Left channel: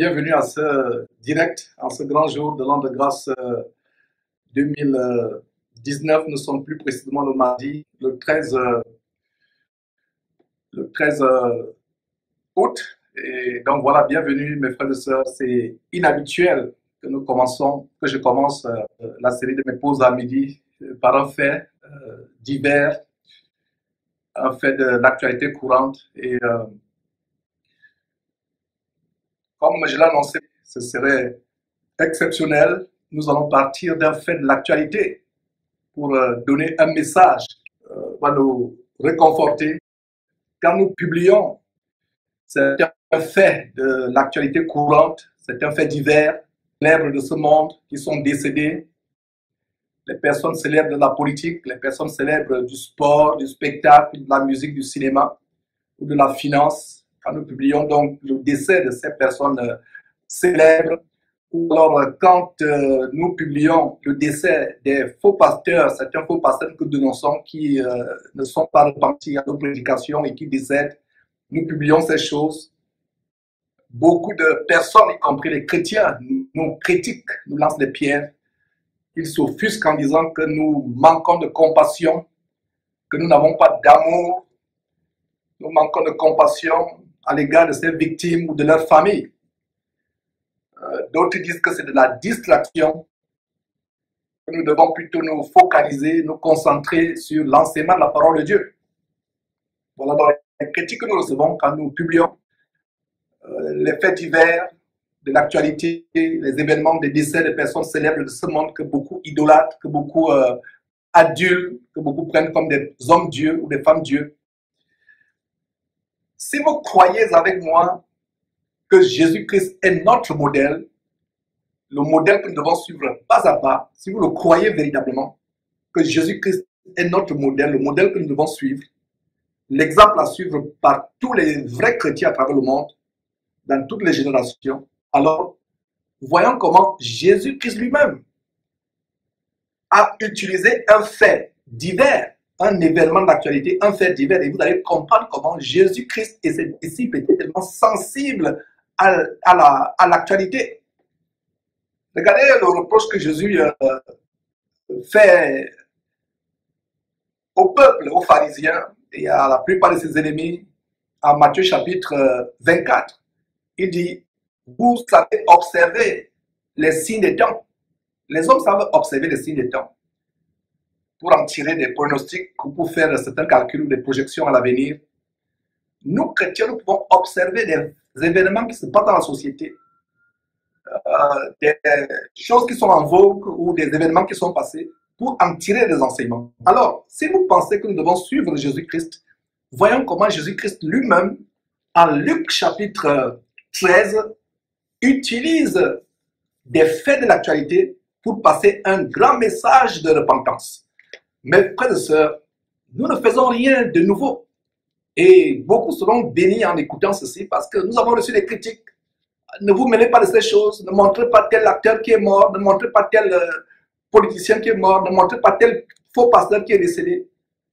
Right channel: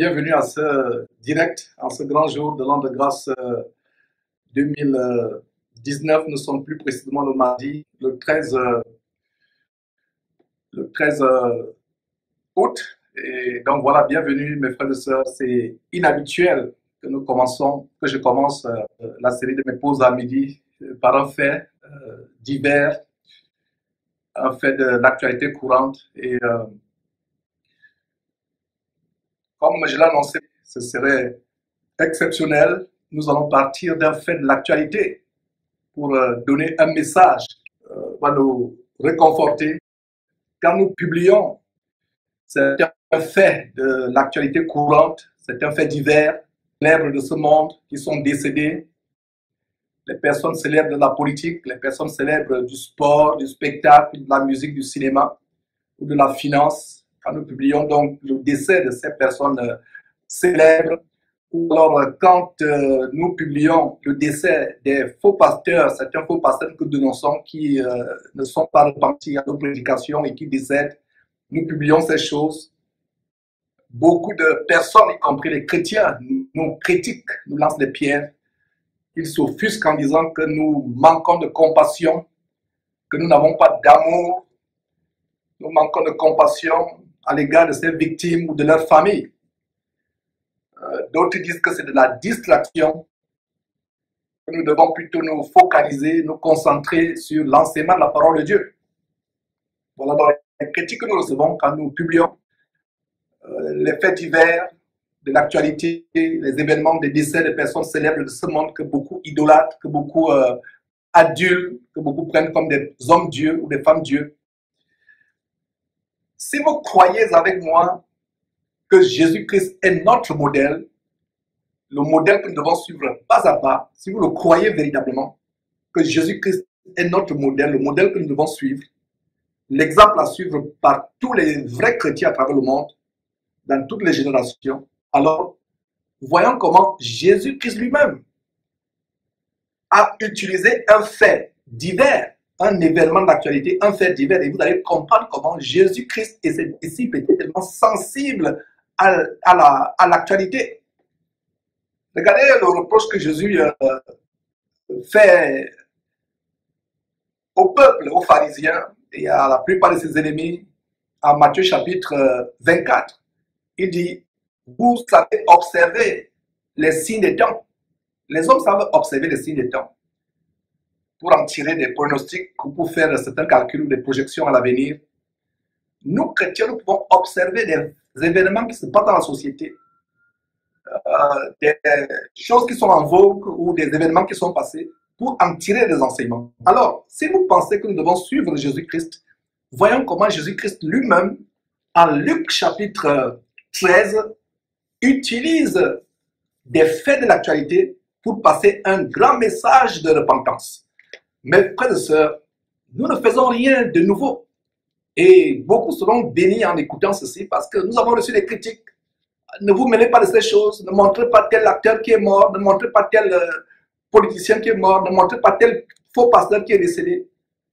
bienvenue à ce direct, en ce grand jour de l'an de grâce 2019. Nous sommes plus précisément le mardi, le 13 août. Et donc voilà, bienvenue mes frères et sœurs. C'est inhabituel que je commence la série de mes pauses à midi par un fait divers, un fait de l'actualité courante. Et comme je l'ai annoncé, ce serait exceptionnel. Nous allons partir d'un fait de l'actualité pour donner un message qui va nous réconforter. Quand nous publions, c'est un fait de l'actualité courante, c'est un fait divers, célèbres de ce monde qui sont décédés, les personnes célèbres de la politique, les personnes célèbres du sport, du spectacle, de la musique, du cinéma ou de la finance. Quand nous publions donc le décès de ces personnes célèbres, ou alors quand nous publions le décès des faux pasteurs, certains faux pasteurs que nous dénonçons qui ne sont pas repentis à nos prédications et qui décèdent, nous publions ces choses. Beaucoup de personnes, y compris les chrétiens, nous critiquent, nous lancent des pierres. Ils s'offusquent en disant que nous manquons de compassion, que nous n'avons pas d'amour, nous manquons de compassion à l'égard de ces victimes ou de leurs familles. D'autres disent que c'est de la distraction, que nous devons plutôt nous focaliser, nous concentrer sur l'enseignement de la parole de Dieu. Voilà donc les critiques que nous recevons quand nous publions les faits divers de l'actualité, les événements des décès de personnes célèbres de ce monde que beaucoup idolâtrent, que beaucoup adulent, que beaucoup prennent comme des hommes dieux ou des femmes dieux. Si vous croyez avec moi que Jésus-Christ est notre modèle, le modèle que nous devons suivre pas à pas, si vous le croyez véritablement, que Jésus-Christ est notre modèle, le modèle que nous devons suivre, l'exemple à suivre par tous les vrais chrétiens à travers le monde, dans toutes les générations, alors voyons comment Jésus-Christ lui-même a utilisé un fait divers, un événement d'actualité, un fait divers, et vous allez comprendre comment Jésus-Christ et ses disciples étaient tellement sensibles à l'actualité. Regardez le reproche que Jésus fait au peuple, aux pharisiens et à la plupart de ses ennemis en Matthieu chapitre 24. Il dit, vous savez observer les signes des temps. Les hommes savent observer les signes des temps pour en tirer des pronostics ou pour faire certains calculs ou des projections à l'avenir. Nous, chrétiens, nous pouvons observer des événements qui se passent dans la société, des choses qui sont en vogue ou des événements qui sont passés pour en tirer des enseignements. Alors, si vous pensez que nous devons suivre Jésus-Christ, voyons comment Jésus-Christ lui-même, en Luc chapitre 13, utilise des faits de l'actualité pour passer un grand message de repentance. Mes frères et sœurs, nous ne faisons rien de nouveau. Et beaucoup seront bénis en écoutant ceci parce que nous avons reçu des critiques. Ne vous mêlez pas de ces choses, ne montrez pas tel acteur qui est mort, ne montrez pas tel politicien qui est mort, ne montrez pas tel faux pasteur qui est décédé.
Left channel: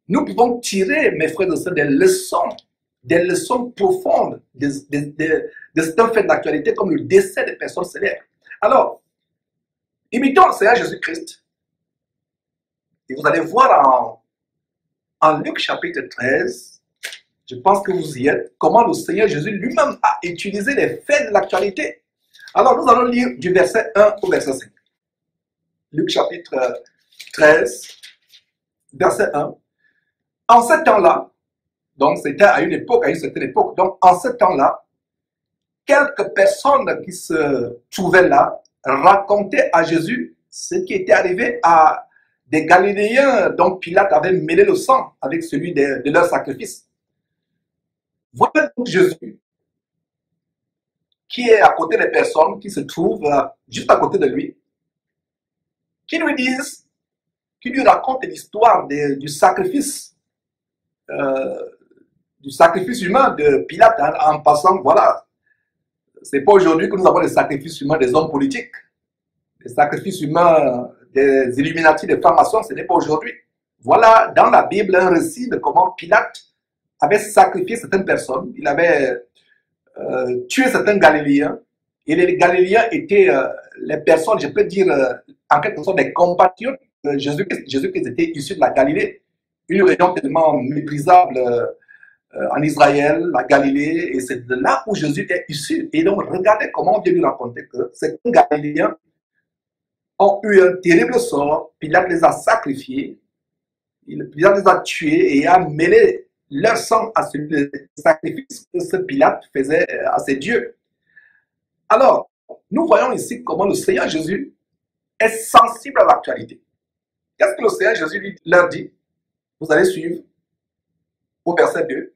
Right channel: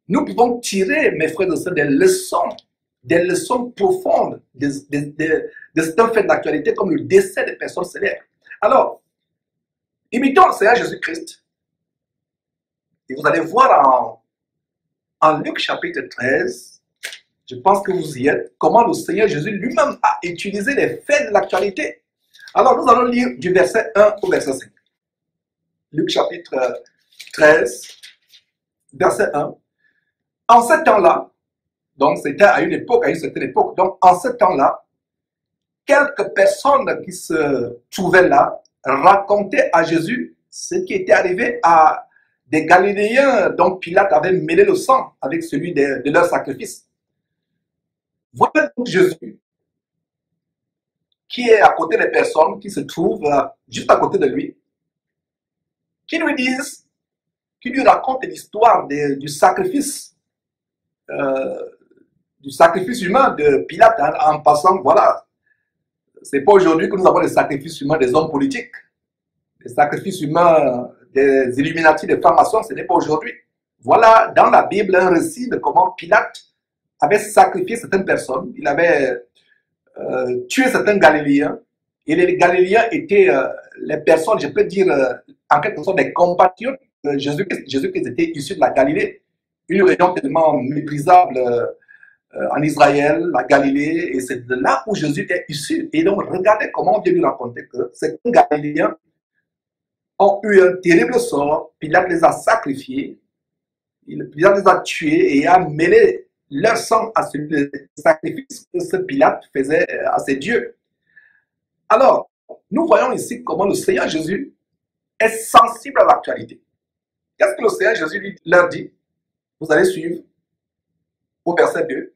Nous pouvons tirer, mes frères et sœurs, des leçons profondes de certains faits d'actualité comme le décès des personnes célèbres. Alors, imitons le Seigneur Jésus-Christ. Et vous allez voir en Luc chapitre 13, je pense que vous y êtes, comment le Seigneur Jésus lui-même a utilisé les faits de l'actualité. Alors, nous allons lire du verset 1 au verset 5. Luc chapitre 13, verset 1. En ce temps-là, donc c'était à une certaine époque, donc en ce temps-là, quelques personnes qui se trouvaient là racontaient à Jésus ce qui était arrivé à des Galiléens dont Pilate avait mêlé le sang avec celui de leur sacrifice. Voilà donc Jésus qui est à côté des personnes qui se trouvent juste à côté de lui, qui lui racontent l'histoire du sacrifice humain de Pilate, en passant, voilà, c'est pas aujourd'hui que nous avons les sacrifices humains des hommes politiques, les sacrifices humains des Illuminati, des francs-maçons, ce n'est pas aujourd'hui. Voilà dans la Bible un récit de comment Pilate avait sacrifié certaines personnes, il avait tué certains Galiléens, Et les Galiléens étaient les personnes, je peux dire, en quelque sorte, des compatriotes de Jésus-Christ. Jésus-Christ était issu de la Galilée, une région tellement méprisable en Israël, la Galilée, et c'est de là où Jésus est issu. Et donc, regardez comment on vient lui raconter que ces Galiléens ont eu un terrible sort, Pilate les a sacrifiés, Pilate les a tués et a mêlé leur sang à celui des sacrifices que ce Pilate faisait à ses dieux. Alors, nous voyons ici comment le Seigneur Jésus est sensible à l'actualité. Qu'est-ce que le Seigneur Jésus leur dit? Vous allez suivre au verset 2.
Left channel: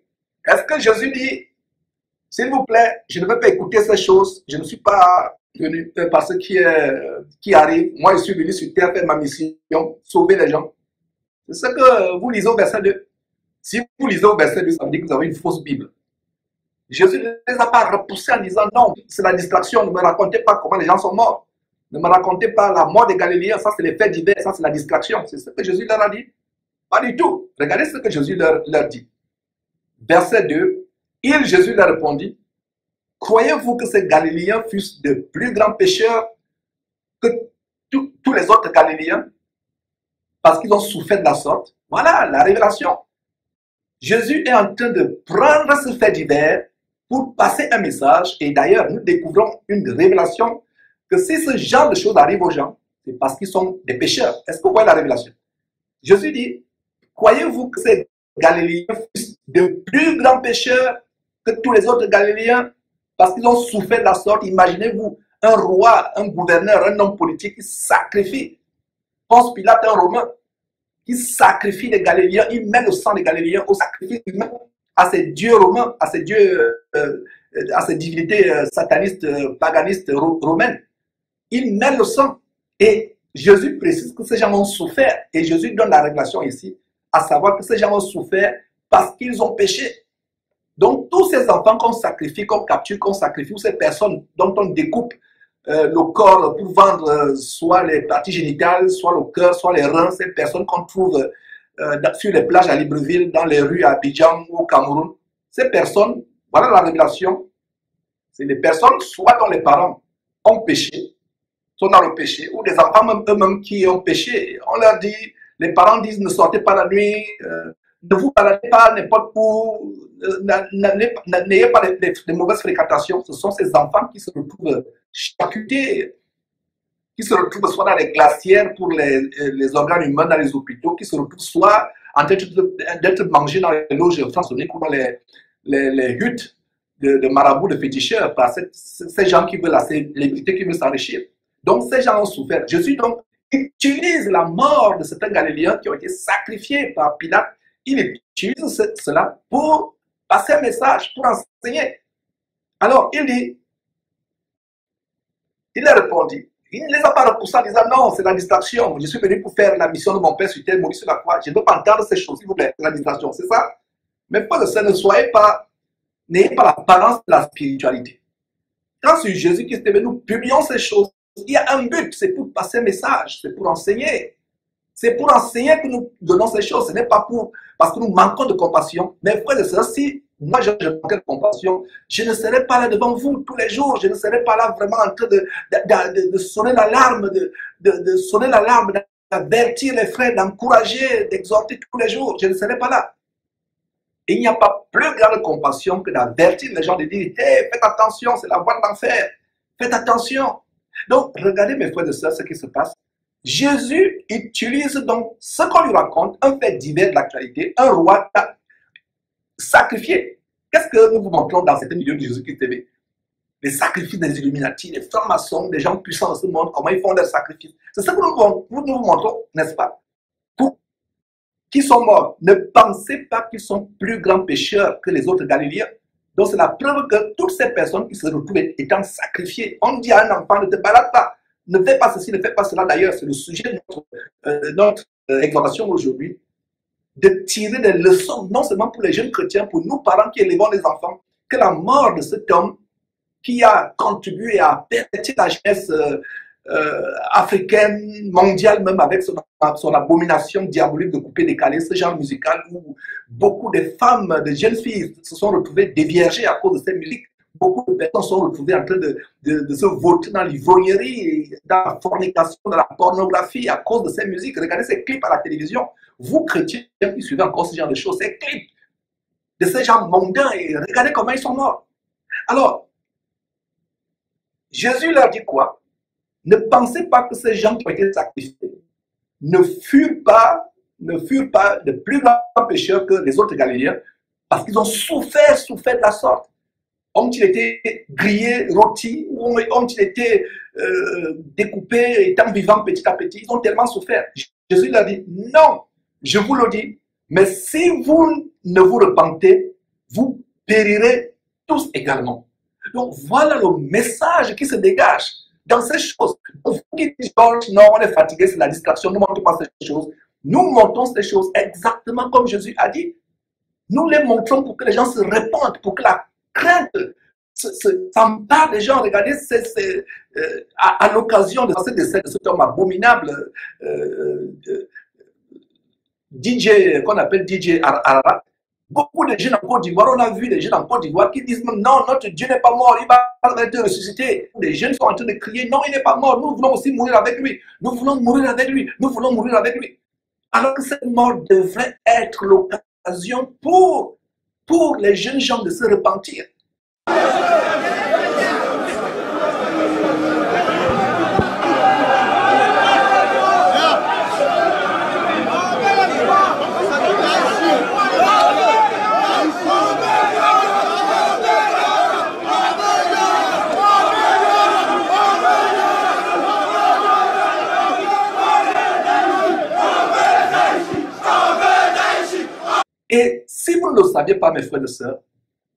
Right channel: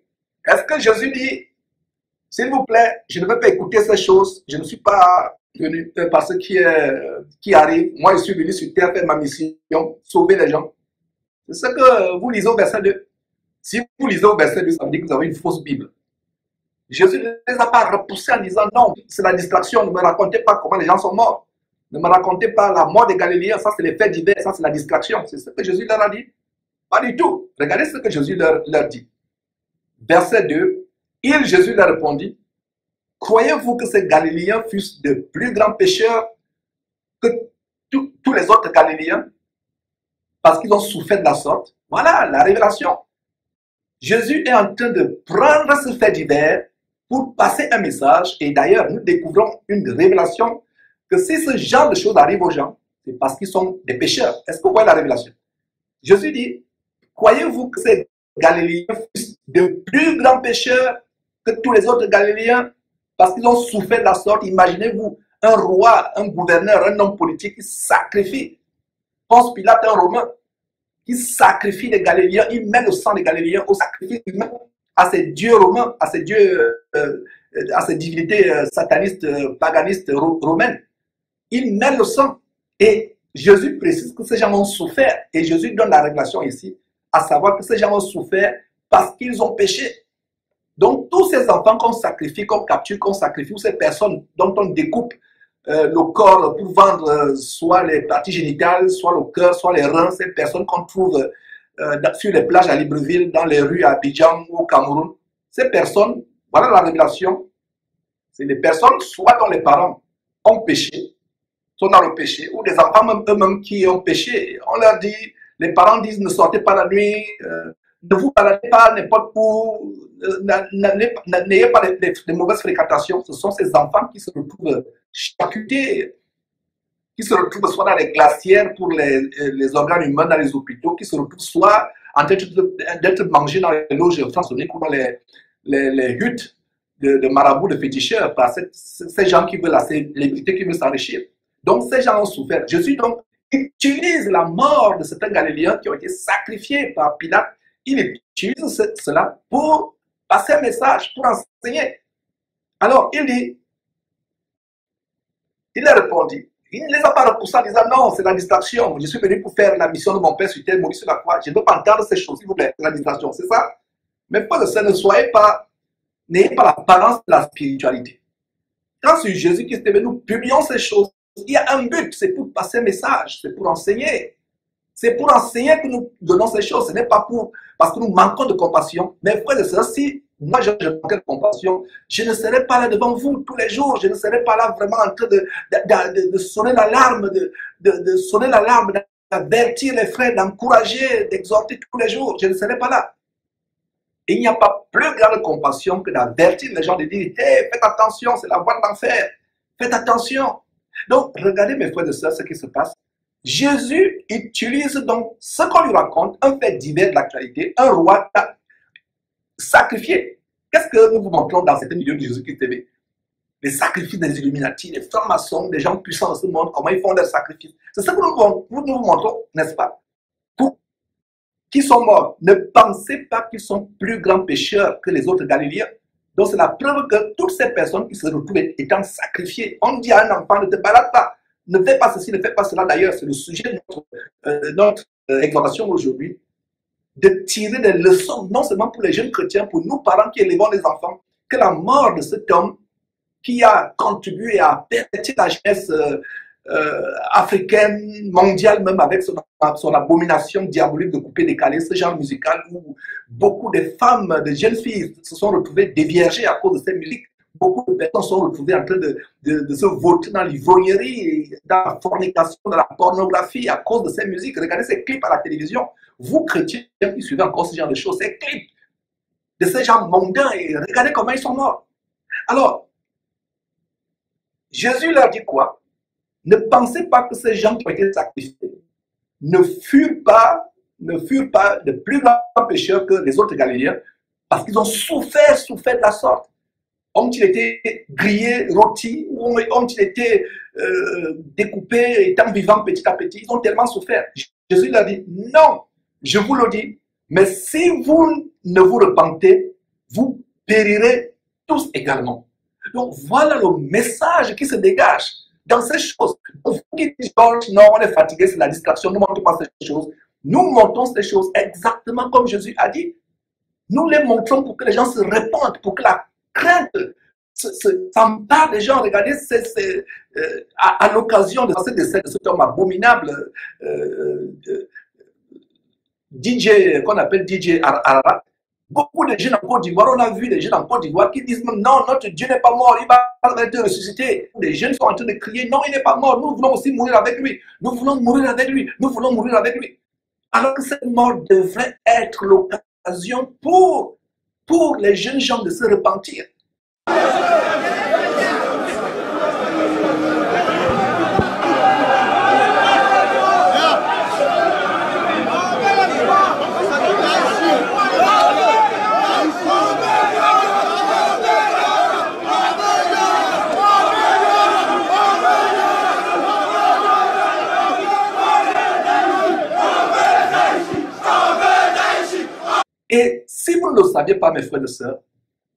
Est-ce que Jésus dit, s'il vous plaît, je ne veux pas écouter ces choses, je ne suis pas venu par ce qui arrive, moi je suis venu sur terre faire ma mission, sauver les gens. C'est ce que vous lisez au verset 2. Si vous lisez au verset 2, ça veut dire que vous avez une fausse Bible. Jésus ne les a pas repoussés en disant non, c'est la distraction, ne me racontez pas comment les gens sont morts. Ne me racontez pas la mort des Galiléens, ça c'est les faits divers, ça c'est la distraction. C'est ce que Jésus leur a dit. Pas du tout. Regardez ce que Jésus leur dit. Verset 2, Jésus leur répondit, croyez-vous que ces Galiléens fussent de plus grands pécheurs que tous les autres Galiléens parce qu'ils ont souffert de la sorte? Voilà la révélation. Jésus est en train de prendre ce fait divers pour passer un message. Et d'ailleurs, nous découvrons une révélation que si ce genre de choses arrive aux gens, c'est parce qu'ils sont des pécheurs. Est-ce que vous voyez la révélation? Jésus dit, croyez-vous que ces Galiléens fussent de plus grands pécheurs que tous les autres Galiléens parce qu'ils ont souffert de la sorte? Imaginez-vous un roi, un gouverneur, un homme politique qui sacrifie. Ponce Pilate, un Romain, qui sacrifie les Galiléens, il met le sang des Galiléens au sacrifice humain à ces dieux romains, à ces dieux, à ces divinités satanistes, paganistes romaines. Il met le sang. Et Jésus précise que ces gens ont souffert. Et Jésus donne la révélation ici, à savoir que ces gens ont souffert parce qu'ils ont péché. Donc, tous ces enfants qu'on sacrifie, qu'on capture, qu'on sacrifie, ou ces personnes dont on découpe le corps pour vendre soit les parties génitales, soit le cœur, soit les reins, ces personnes qu'on trouve sur les plages à Libreville, dans les rues à Abidjan ou au Cameroun, ces personnes, voilà la révélation, c'est des personnes soit dont les parents ont péché, sont dans le péché, ou des enfants eux-mêmes qui ont péché. On leur dit, les parents disent ne sortez pas la nuit, ne vous baladez pas n'importe où, n'ayez pas de mauvaises fréquentations. Ce sont ces enfants qui se retrouvent charcutés, qui se retrouvent soit dans les glacières pour les organes humains dans les hôpitaux, qui se retrouvent soit en train d'être mangés dans les loges franc-maçonniques ou dans les huttes de marabouts, de féticheurs, par ces gens qui veulent la célébrité, qui veulent s'enrichir. Donc ces gens ont souffert. Jésus donc utilise la mort de certains Galiléens qui ont été sacrifiés par Pilate. Il utilise cela pour passer un message, pour enseigner. Alors il dit, il a répondu, il ne les a pas repoussés en disant non, c'est la distraction. Je suis venu pour faire la mission de mon Père sur terre, mourir sur la croix. Je ne veux pas entendre ces choses, s'il vous plaît, c'est la distraction, c'est ça? Mais pas de ça, n'ayez pas l'apparence de la spiritualité. Quand sur Jésus-Christ, nous publions ces choses, il y a un but, c'est pour passer un message, c'est pour enseigner. C'est pour enseigner que nous donnons ces choses, ce n'est pas parce que nous manquons de compassion. Mais frère de ça, si moi je manquais de compassion, je ne serais pas là devant vous tous les jours, je ne serais pas là vraiment en train de sonner l'alarme, de sonner l'alarme, d'avertir les frères, d'encourager, d'exhorter tous les jours, je ne serais pas là. Et il n'y a pas plus grande compassion que d'avertir les gens, de dire, hey, faites attention, c'est la voie de l'enfer, faites attention. Donc, regardez mes frères et sœurs ce qui se passe. Jésus utilise donc ce qu'on lui raconte, un fait divers de l'actualité, un roi sacrifié. Qu'est-ce que nous vous montrons dans certaines vidéos de Jésus-Christ TV? Les sacrifices des Illuminati, les francs-maçons, des gens puissants de ce monde, comment ils font leurs sacrifices. C'est ce que nous vous montrons, n'est-ce pas? Pour qui sont morts, ne pensez pas qu'ils sont plus grands pécheurs que les autres Galiléens. Donc c'est la preuve que toutes ces personnes qui se retrouvent étant sacrifiées, on dit à un enfant, ne te balade pas, ne fais pas ceci, ne fais pas cela. D'ailleurs, c'est le sujet de notre exhortation aujourd'hui, de tirer des leçons, non seulement pour les jeunes chrétiens, pour nous parents qui élevons les enfants, que la mort de cet homme qui a contribué à perpétuer la jeunesse africaine, mondiale, même avec son abomination diabolique de couper décalé, ce genre musical où beaucoup de femmes, de jeunes filles se sont retrouvées déviergées à cause de cette musique. beaucoup de personnes sont retrouvées en train de se vautrer dans l'ivrognerie, dans la fornication, dans la pornographie à cause de ces musiques. Regardez ces clips à la télévision. Vous, chrétiens, qui suivez encore ce genre de choses, ces clips de ces gens mondains, et regardez comment ils sont morts. Alors, Jésus leur dit quoi? Ne pensez pas que ces gens qui ont été sacrifiés ne furent pas de plus grands pécheurs que les autres Galiléens, parce qu'ils ont souffert de la sorte. Ont-ils été grillés, rôtis, ou ont-ils été découpés, étant vivants petit à petit? Ils ont tellement souffert. Jésus leur dit, non, je vous le dis, mais si vous ne vous repentez, vous périrez tous également. Donc voilà le message qui se dégage dans ces choses. Donc, vous qui dites, non, on est fatigué, c'est la distraction, nous ne montrons pas ces choses. Nous montrons ces choses exactement comme Jésus a dit. Nous les montrons pour que les gens se répandent, pour que la crainte s'empare des gens. Regardez, à l'occasion de ce décès de cet homme abominable, DJ, qu'on appelle DJ Ararat, beaucoup de jeunes en Côte d'Ivoire, on a vu des jeunes en Côte d'Ivoire qui disent non, notre Dieu n'est pas mort, il va être ressuscité. Les jeunes sont en train de crier, non, il n'est pas mort, nous voulons aussi mourir avec lui, nous voulons mourir avec lui, nous voulons mourir avec lui. Alors que cette mort devrait être l'occasion pour les jeunes gens de se repentir. Et si vous ne le saviez pas, mes frères et sœurs,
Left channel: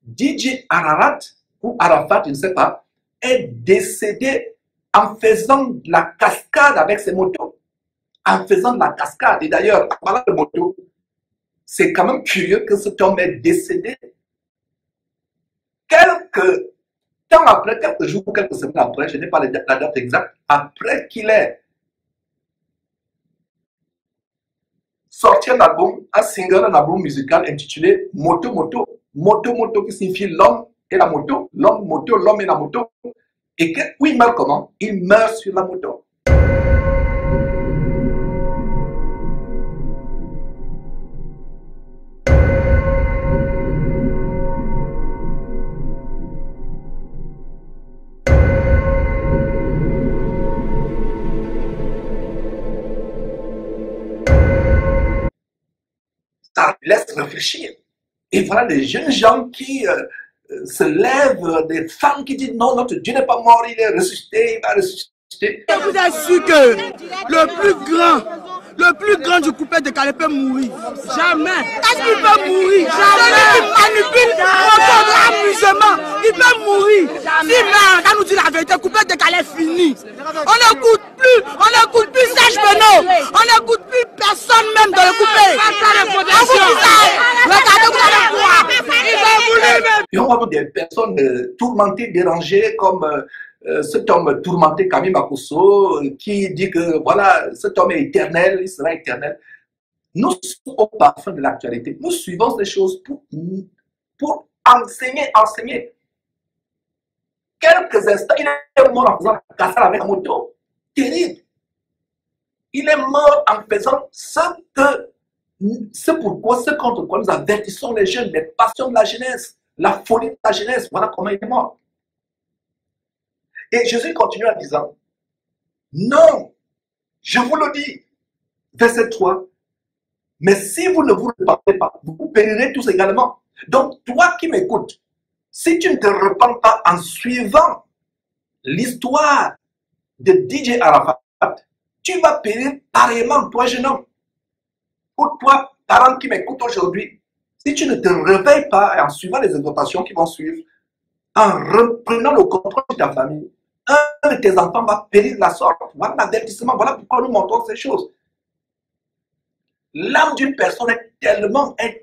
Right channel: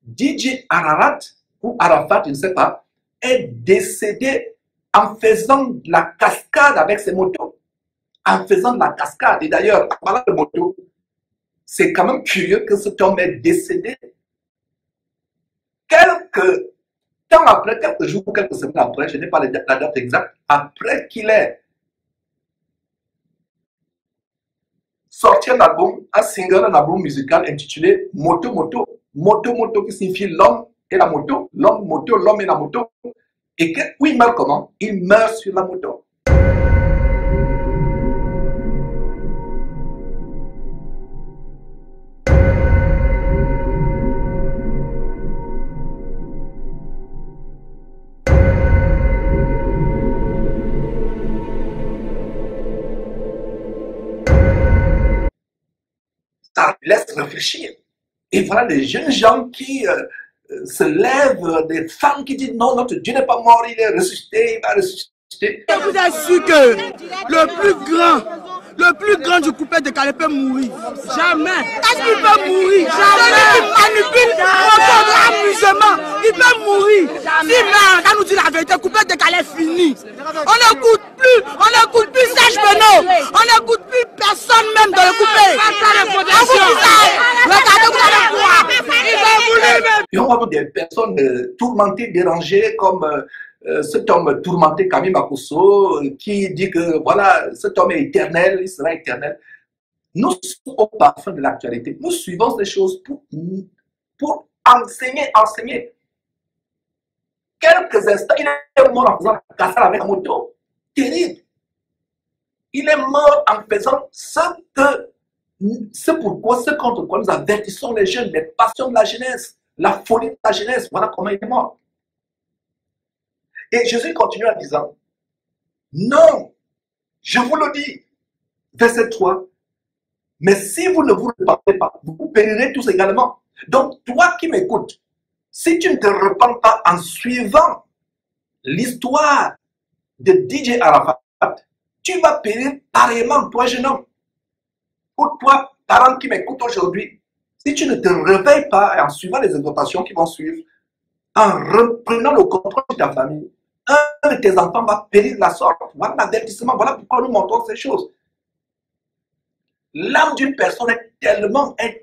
DJ Ararat, ou Arafat, je ne sais pas, est décédé en faisant de la cascade avec ses motos. En faisant de la cascade. Et d'ailleurs, en parlant de moto, c'est quand même curieux que cet homme est décédé quelques temps après, quelques jours ou quelques semaines après, je n'ai pas la date exacte, après qu'il ait sorti un album, un single, un album musical intitulé Moto Moto. Moto Moto qui signifie l'homme et la moto, l'homme moto, l'homme et la moto. Et que, où il meurt comment? Il meurt sur la moto. Ça laisse réfléchir. Et voilà des jeunes gens qui se lèvent, des femmes qui disent non, notre Dieu n'est pas mort, il est ressuscité, il va ressusciter. Je vous assure que le plus grand du coupé de Calais peut mourir. Jamais. Est-ce qu'il peut mourir? Jamais. Celui qui manipule notre amusement, il peut mourir. Si merde, quand nous dit la vérité, coupé de Calais fini. On n'écoute plus Serge Benoît, on n'écoute plus personne même dans le coupé. Regardez, vous allez voir. Il va mourir. Et on va voir des personnes tourmentées, dérangées, comme cet homme tourmenté Camille Makosso, qui dit que voilà, cet homme est éternel, il sera éternel. Nous sommes au parfum de l'actualité. Nous suivons ces choses pour enseigner. Quelques instants, il est mort en faisant la cassade avec la moto. Terrible. Il est mort en faisant ce contre quoi nous avertissons les jeunes, les passions de la jeunesse, la folie de la jeunesse. Voilà comment il est mort. Et Jésus continue en disant, non, je vous le dis, verset 3, mais si vous ne vous repentez pas, vous périrez tous également. Donc, toi qui m'écoutes, si tu ne te repens pas en suivant l'histoire de DJ Arafat, tu vas périr pareillement, toi jeune homme. Pour toi, parent qui m'écoute aujourd'hui, si tu ne te réveilles pas en suivant les exhortations qui vont suivre, en reprenant le contrôle de ta famille, un de tes enfants va périr de la sorte. Voilà l'avertissement, voilà pourquoi nous montrons ces choses. L'âme d'une personne est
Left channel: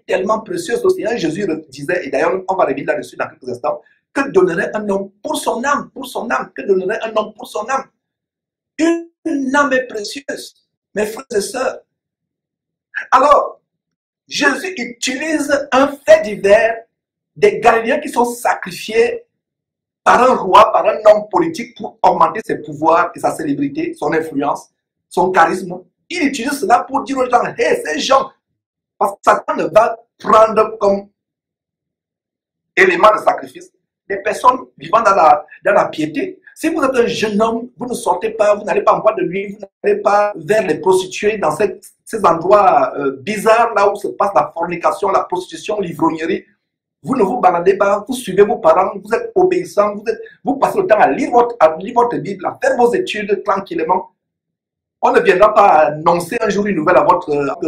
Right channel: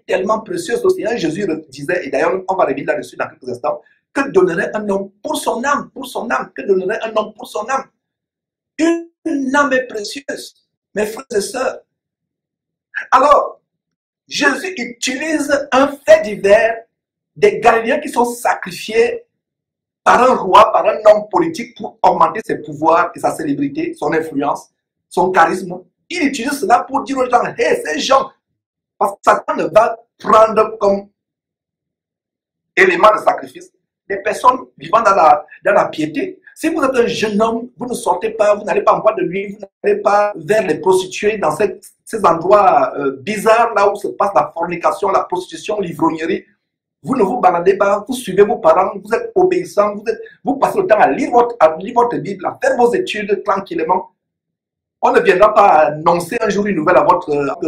tellement précieuse. Aussi, Jésus disait, et d'ailleurs on va revenir là-dessus dans quelques instants, que donnerait un homme pour son âme, que donnerait un homme pour son âme. Une âme est précieuse, mes frères et sœurs. Alors, Jésus utilise un fait divers des Galiléens qui sont sacrifiés par un roi, par un homme politique pour augmenter ses pouvoirs et sa célébrité, son influence, son charisme. Il utilise cela pour dire aux gens, hey, ces gens, parce que Satan ne va prendre comme élément de sacrifice des personnes vivant dans la piété. Si vous êtes un jeune homme, vous ne sortez pas, vous n'allez pas en boîte de nuit, vous n'allez pas vers les prostituées dans ces endroits bizarres là où se passe la fornication, la prostitution, l'ivrognerie. Vous ne vous baladez pas, vous suivez vos parents, vous êtes obéissants, vous passez le temps à lire votre Bible, à faire vos études tranquillement. On ne viendra pas annoncer un jour une nouvelle à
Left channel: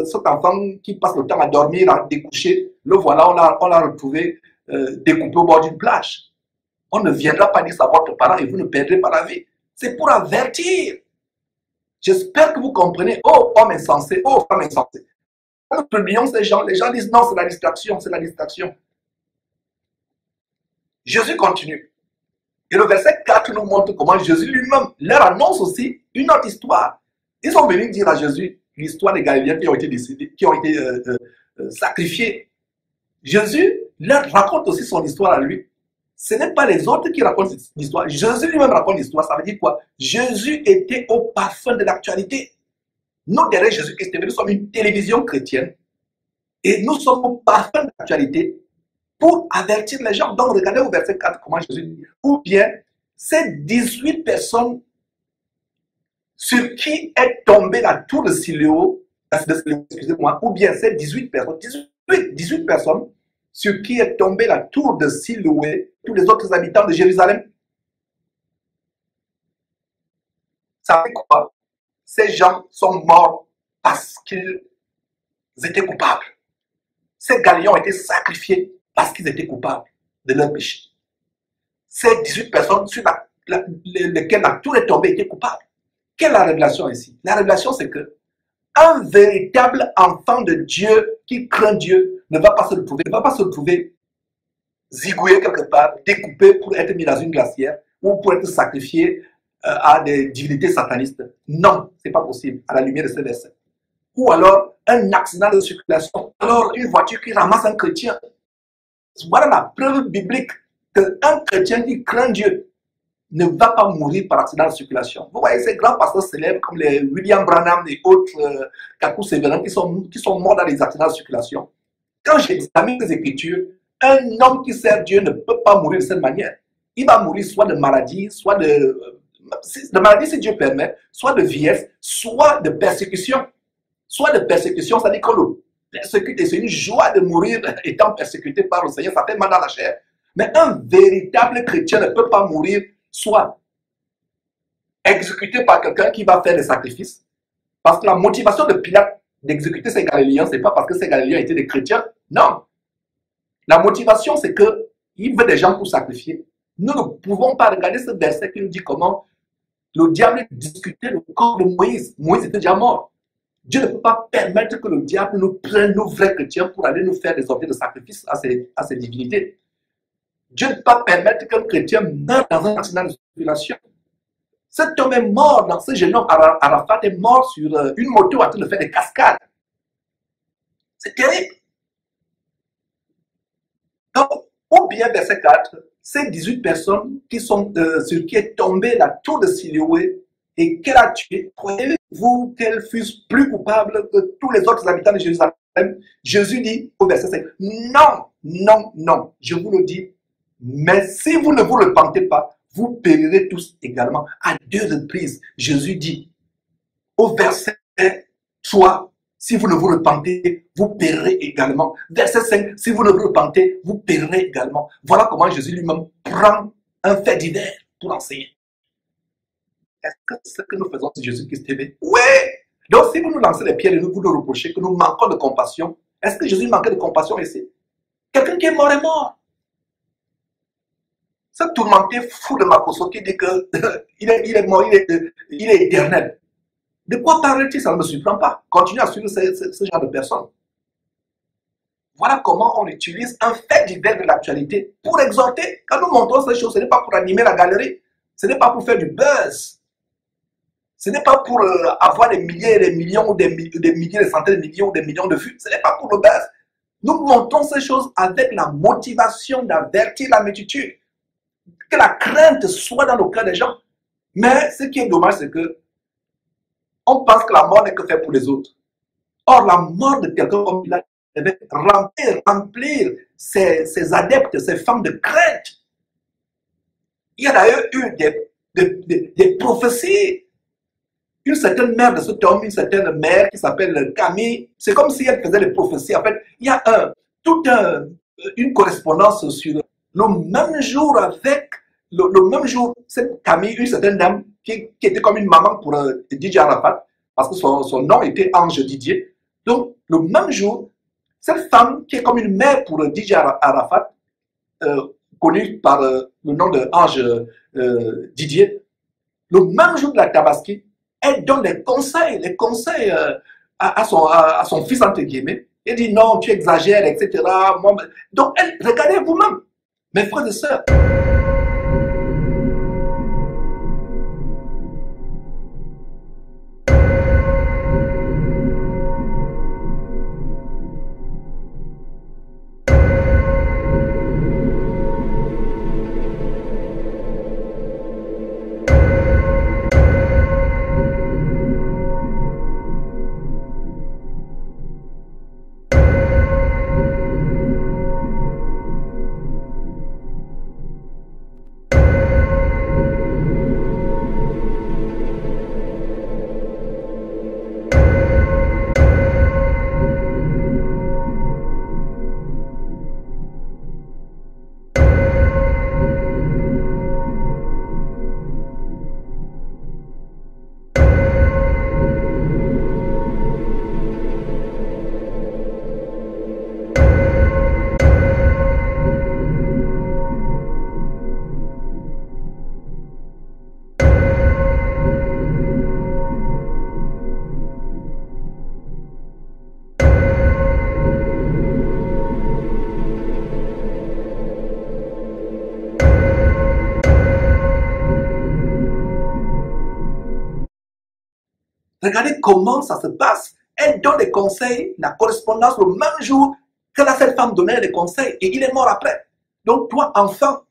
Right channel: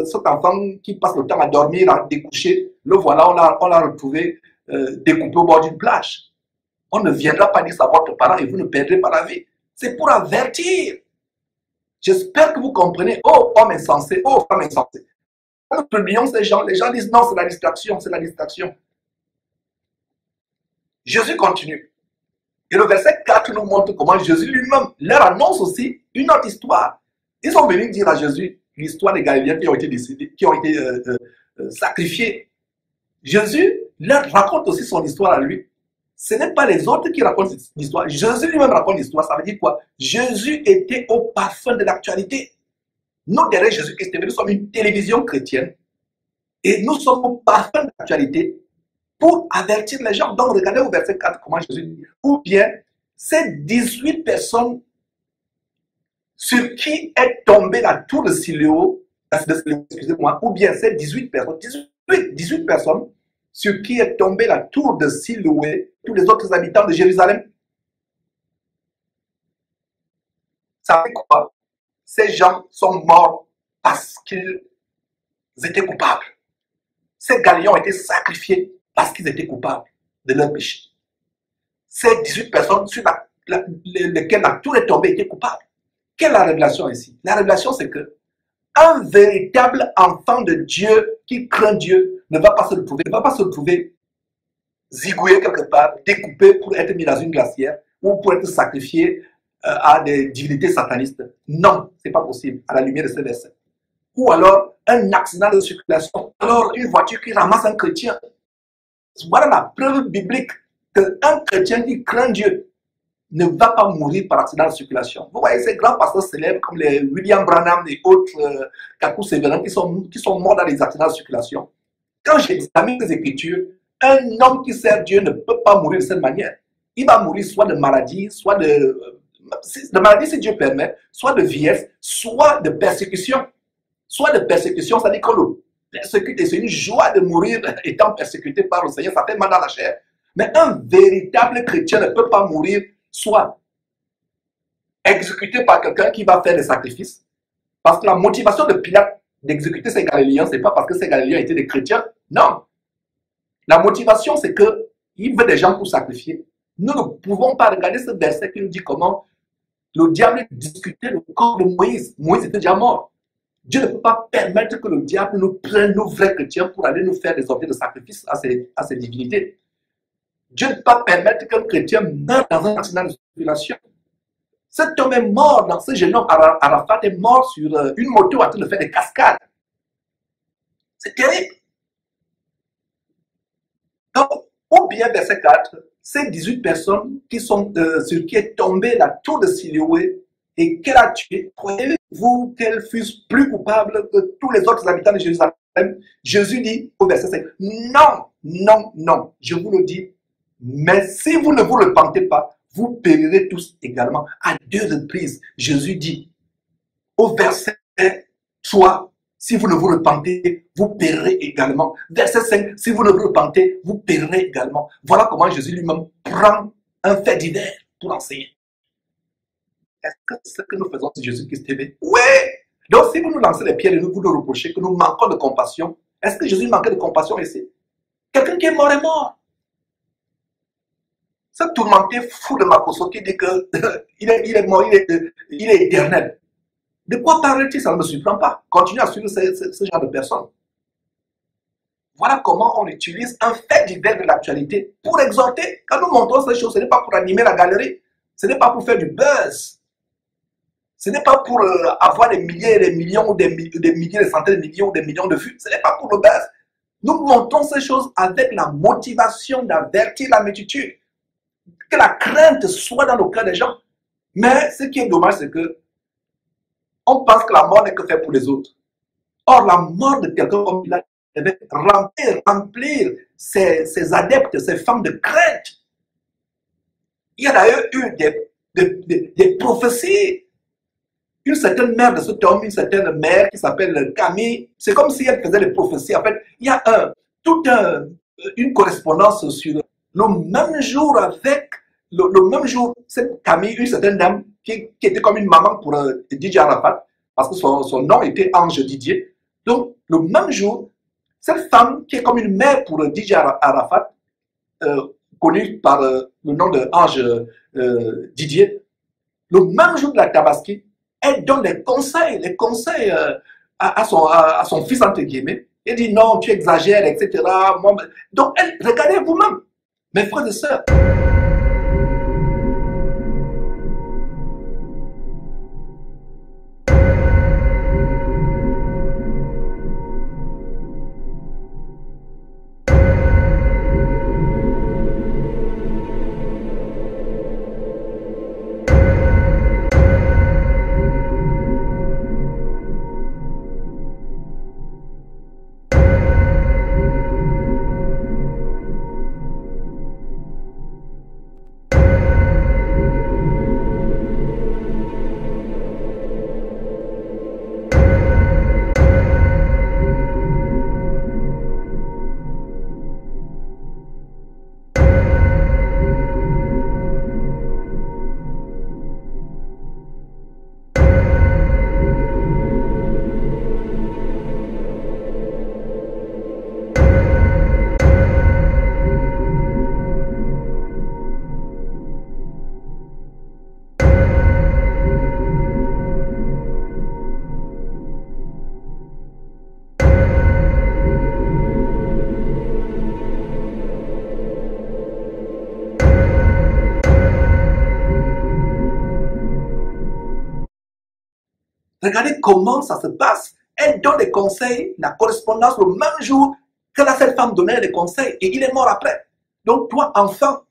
cet enfant qui passe le temps à dormir, à découcher. Le voilà, on l'a retrouvé découpé au bord d'une plage. On ne viendra pas dire ça à votre parent et vous ne perdrez pas la vie. C'est pour avertir. J'espère que vous comprenez. Oh, homme insensé, oh, femme insensée. Nous publions ces gens. Les gens disent non, c'est la distraction, c'est la distraction. Jésus continue. Et le verset 4 nous montre comment Jésus lui-même leur annonce aussi une autre histoire. Ils sont venus dire à Jésus l'histoire des Galiléens qui ont été décédés, qui ont été sacrifiés. Jésus leur raconte aussi son histoire à lui. Ce n'est pas les autres qui racontent l'histoire. Jésus lui-même raconte l'histoire. Ça veut dire quoi? Jésus était au parfum de l'actualité. Nous, derrière Jésus-Christ, nous sommes une télévision chrétienne. Et nous sommes au parfum de l'actualité pour avertir les gens. Donc, regardez au verset 4 comment Jésus dit. Ou bien, ces 18 personnes sur qui est tombée la tour de Siloé, excusez-moi, ou bien ces 18 personnes sur qui est tombée la tour de Siloé, tous les autres habitants de Jérusalem. Ça fait quoi? Ces gens sont morts parce qu'ils étaient coupables. Ces Galiléens ont été sacrifiés parce qu'ils étaient coupables de leur péché. Ces 18 personnes sur lesquelles la tour est tombée étaient coupables. Quelle est la révélation ici? La révélation, c'est que un véritable enfant de Dieu qui craint Dieu ne va pas se retrouver zigouillé quelque part, découpé pour être mis dans une glacière ou pour être sacrifié à des divinités satanistes. Non, ce n'est pas possible à la lumière de ce verset. Ou alors un accident de circulation, alors une voiture qui ramasse un chrétien. Voilà la preuve biblique qu'un chrétien qui craint Dieu ne va pas mourir par accident de circulation. Vous voyez ces grands pasteurs célèbres comme les William Branham et autres Kakou Sévérin qui sont morts dans les accidents de circulation. Quand j'examine les Écritures, un homme qui sert Dieu ne peut pas mourir de cette manière. Il va mourir soit de maladie, soit de maladie si Dieu permet, soit de vieillesse, soit de persécution. Soit de persécution, c'est-à-dire que le persécuté, c'est une joie de mourir étant persécuté par le Seigneur, ça fait mal dans la chair. Mais un véritable chrétien ne peut pas mourir soit exécuté par quelqu'un qui va faire des sacrifices. Parce que la motivation de Pilate d'exécuter ces Galiléens, ce n'est pas parce que ces Galiléens étaient des chrétiens. Non. La motivation, c'est qu'il veut des gens pour sacrifier. Nous ne pouvons pas regarder ce verset qui nous dit comment le diable discutait le corps de Moïse. Moïse était déjà mort. Dieu ne peut pas permettre que le diable nous prenne, nos vrais chrétiens, pour aller nous faire des objets de sacrifice à ces divinités. Dieu ne peut pas permettre qu'un chrétien meure dans un accident de circulation. Cet homme est mort, dans ce jeune homme, Arafat est mort sur une moto en train de faire des cascades. C'est terrible. Donc, ou bien verset 4, ces 18 personnes qui sont, sur qui est tombée la tour de Siloé et qu'elle a tué, croyez-vous qu'elles fussent plus coupables que tous les autres habitants de Jérusalem? Jésus dit au verset 5, non, non, non, je vous le dis, mais si vous ne vous repentez pas, vous périrez tous également. À 2 reprises, Jésus dit au verset 3, si vous ne vous repentez, vous périrez également. Verset 5, si vous ne vous repentez, vous périrez également. Voilà comment Jésus lui-même prend un fait divers pour enseigner. Est-ce que c'est ce que nous faisons sur Jésus-Christ TV? Oui! Donc si vous nous lancez les pierres et vous nous reprochez que nous manquons de compassion, est-ce que Jésus manquait de compassion ici? Quelqu'un qui est mort est mort. Ce tourmenté fou de Makoso qui dit qu'il est mort, il est éternel. De quoi parle-t-il? Ça ne me surprend pas. Continuez à suivre ce genre de personnes. Voilà comment on utilise un fait divers de l'actualité pour exhorter. Quand nous montrons ces choses, ce n'est pas pour animer la galerie. Ce n'est pas pour faire du buzz. Ce n'est pas pour avoir des milliers et des millions, ou des milliers, des centaines de millions, ou des millions de vues. Ce n'est pas pour le buzz. Nous montrons ces choses avec la motivation d'avertir la multitude. que la crainte soit dans le cœur des gens. Mais ce qui est dommage, c'est que on pense que la mort n'est que faite pour les autres. Or, la mort de quelqu'un comme il a devait remplir ses adeptes, ses femmes de crainte. Il y a d'ailleurs eu des prophéties. Une certaine mère de cet homme, une certaine mère qui s'appelle Camille, c'est comme si elle faisait des prophéties. En fait, il y a une correspondance sur le même jour avec, le même jour, cette Camille, une certaine dame qui était comme une maman pour Didier Arafat, parce que son nom était Ange Didier. Donc, le même jour, cette femme qui est comme une mère pour Didier Arafat, connue par le nom de Ange Didier, le même jour de la Tabaski, elle donne les conseils à son fils, entre guillemets. Elle dit non, tu exagères, etc. Donc, regardez vous-même, mes frères et sœurs. Regardez comment ça se passe. Elle donne des conseils, la correspondance le même jour que cette femme donnait des conseils et il est mort après. Donc toi, enfant,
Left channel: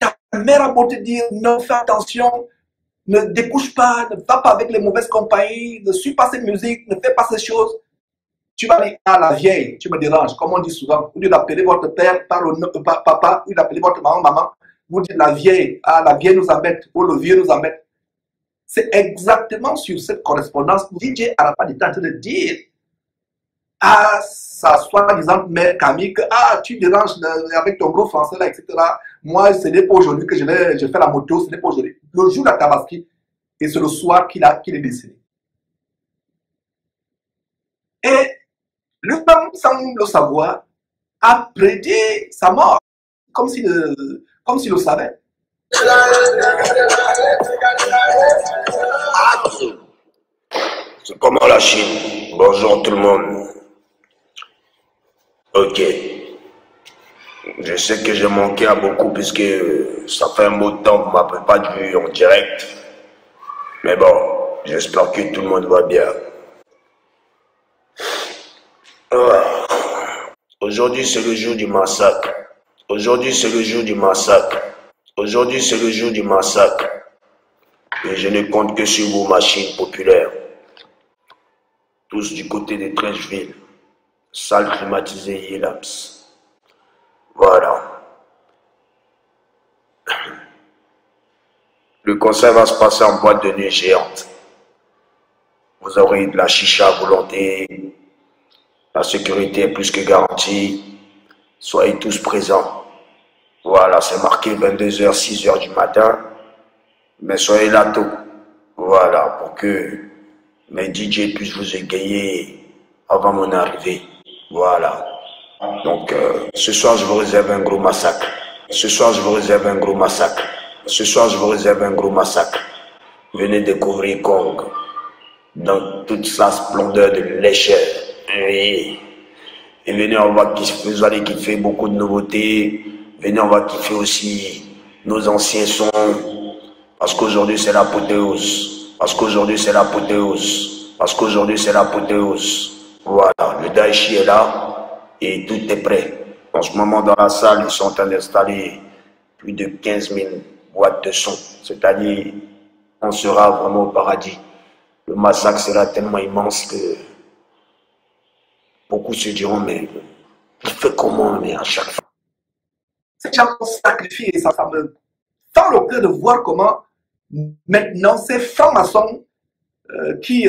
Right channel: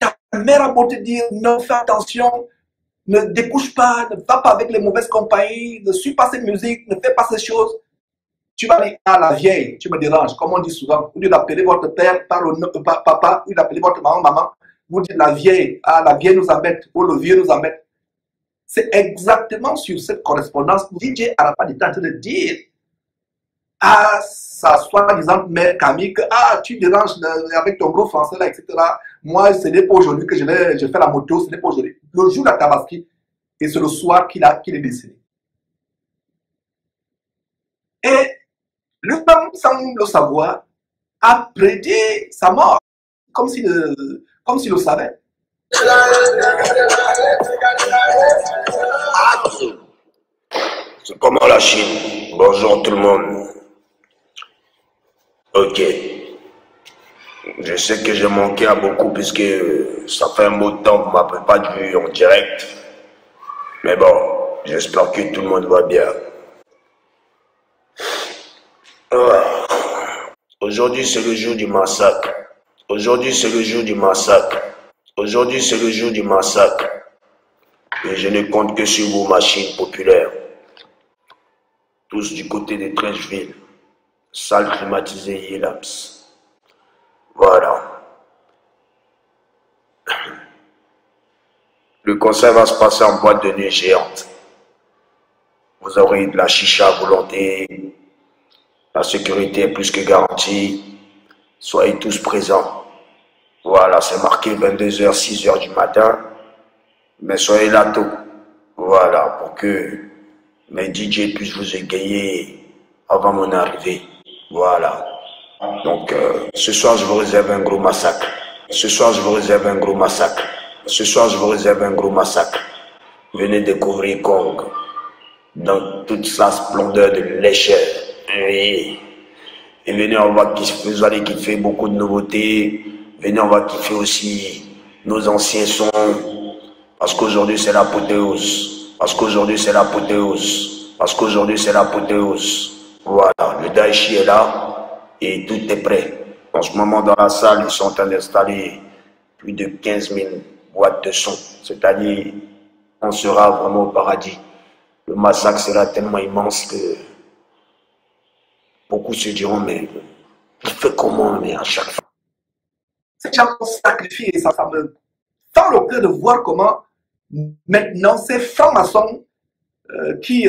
ta mère a beau te dire non, fais attention, ne découche pas, ne va pas avec les mauvaises compagnies, ne suis pas cette musique, ne fais pas ces choses. Tu vas dire à la vieille, tu me déranges, comme on dit souvent, au lieu d'appeler votre père par le nom papa, au lieu d'appeler votre maman, vous dites la vieille nous embête, ou le vieux nous embête. C'est exactement sur cette correspondance que DJ Arafat est en train de dire à sa soi-disant mère Camille que tu déranges avec ton gros français là, etc. Moi, ce n'est pas aujourd'hui que je fais la moto, ce n'est pas aujourd'hui. Le jour de la Tabaski, et c'est le soir qu'il est décédé. Et lui-même, sans le savoir, a prédit sa mort, comme s'il le savait. C'est comment la Chine? Bonjour tout le monde. Ok. Je sais que j'ai manqué à beaucoup puisque ça fait un bout de temps que vous ne m'avez pas vu en direct. Mais bon, j'espère que tout le monde va bien. Aujourd'hui c'est le jour du massacre. Aujourd'hui c'est le jour du massacre. Aujourd'hui c'est le jour du massacre. Et je ne compte que sur vos machines populaires. Tous du côté de Trècheville. Salle climatisée Yelaps. Voilà. Le concert va se passer en boîte de nuit géante. Vous aurez de la chicha à volonté. La sécurité est plus que garantie. Soyez tous présents. Voilà, c'est marqué 22h, 6h du matin. Mais soyez là tôt. Voilà, pour que mes DJ puissent vous égayer avant mon arrivée. Voilà. Donc, ce soir, je vous réserve un gros massacre. Ce soir, je vous réserve un gros massacre. Ce soir, je vous réserve un gros massacre. Venez découvrir Kong dans toute sa splendeur de lécheur. Oui. Et venez, vous allez kiffer beaucoup de nouveautés. Venez, on va kiffer aussi nos anciens sons. Parce qu'aujourd'hui, c'est l'apothéose. Parce qu'aujourd'hui, c'est l'apothéose. Parce qu'aujourd'hui, c'est l'apothéose. Voilà, le Daichi est là et tout est prêt. En ce moment, dans la salle, ils sont en train d'installer plus de 15 000 boîtes de son. C'est-à-dire, on sera vraiment au paradis. Le massacre sera tellement immense que beaucoup se diront, mais il fait comment, mais à chaque fois. Ces gens ont sacrifié, et ça me fend le cœur de voir comment maintenant ces francs-maçons qui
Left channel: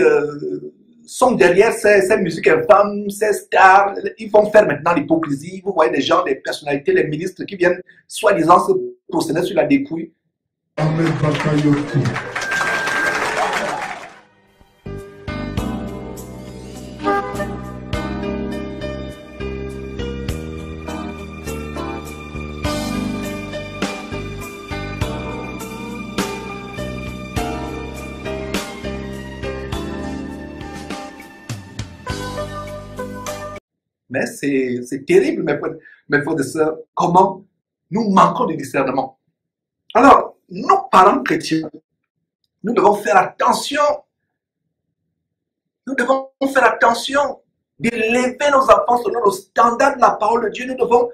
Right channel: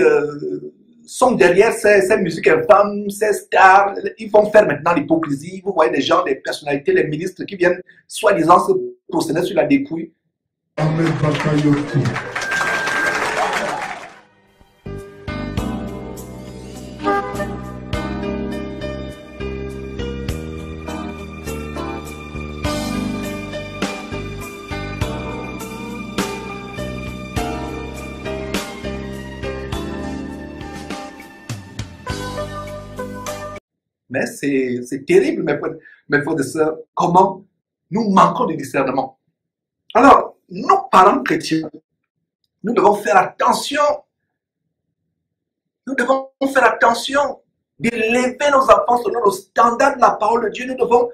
sont derrière ces musiques infâmes, ces stars, ils vont faire maintenant l'hypocrisie. Vous voyez des gens, des personnalités, les ministres qui viennent soi-disant se procéder sur la dépouille. Mais c'est terrible, mes frères et sœurs, comment nous manquons de discernement. Alors, nous, parents chrétiens, nous devons faire attention. Nous devons faire attention d'élever nos enfants selon le standard de la parole de Dieu. Nous devons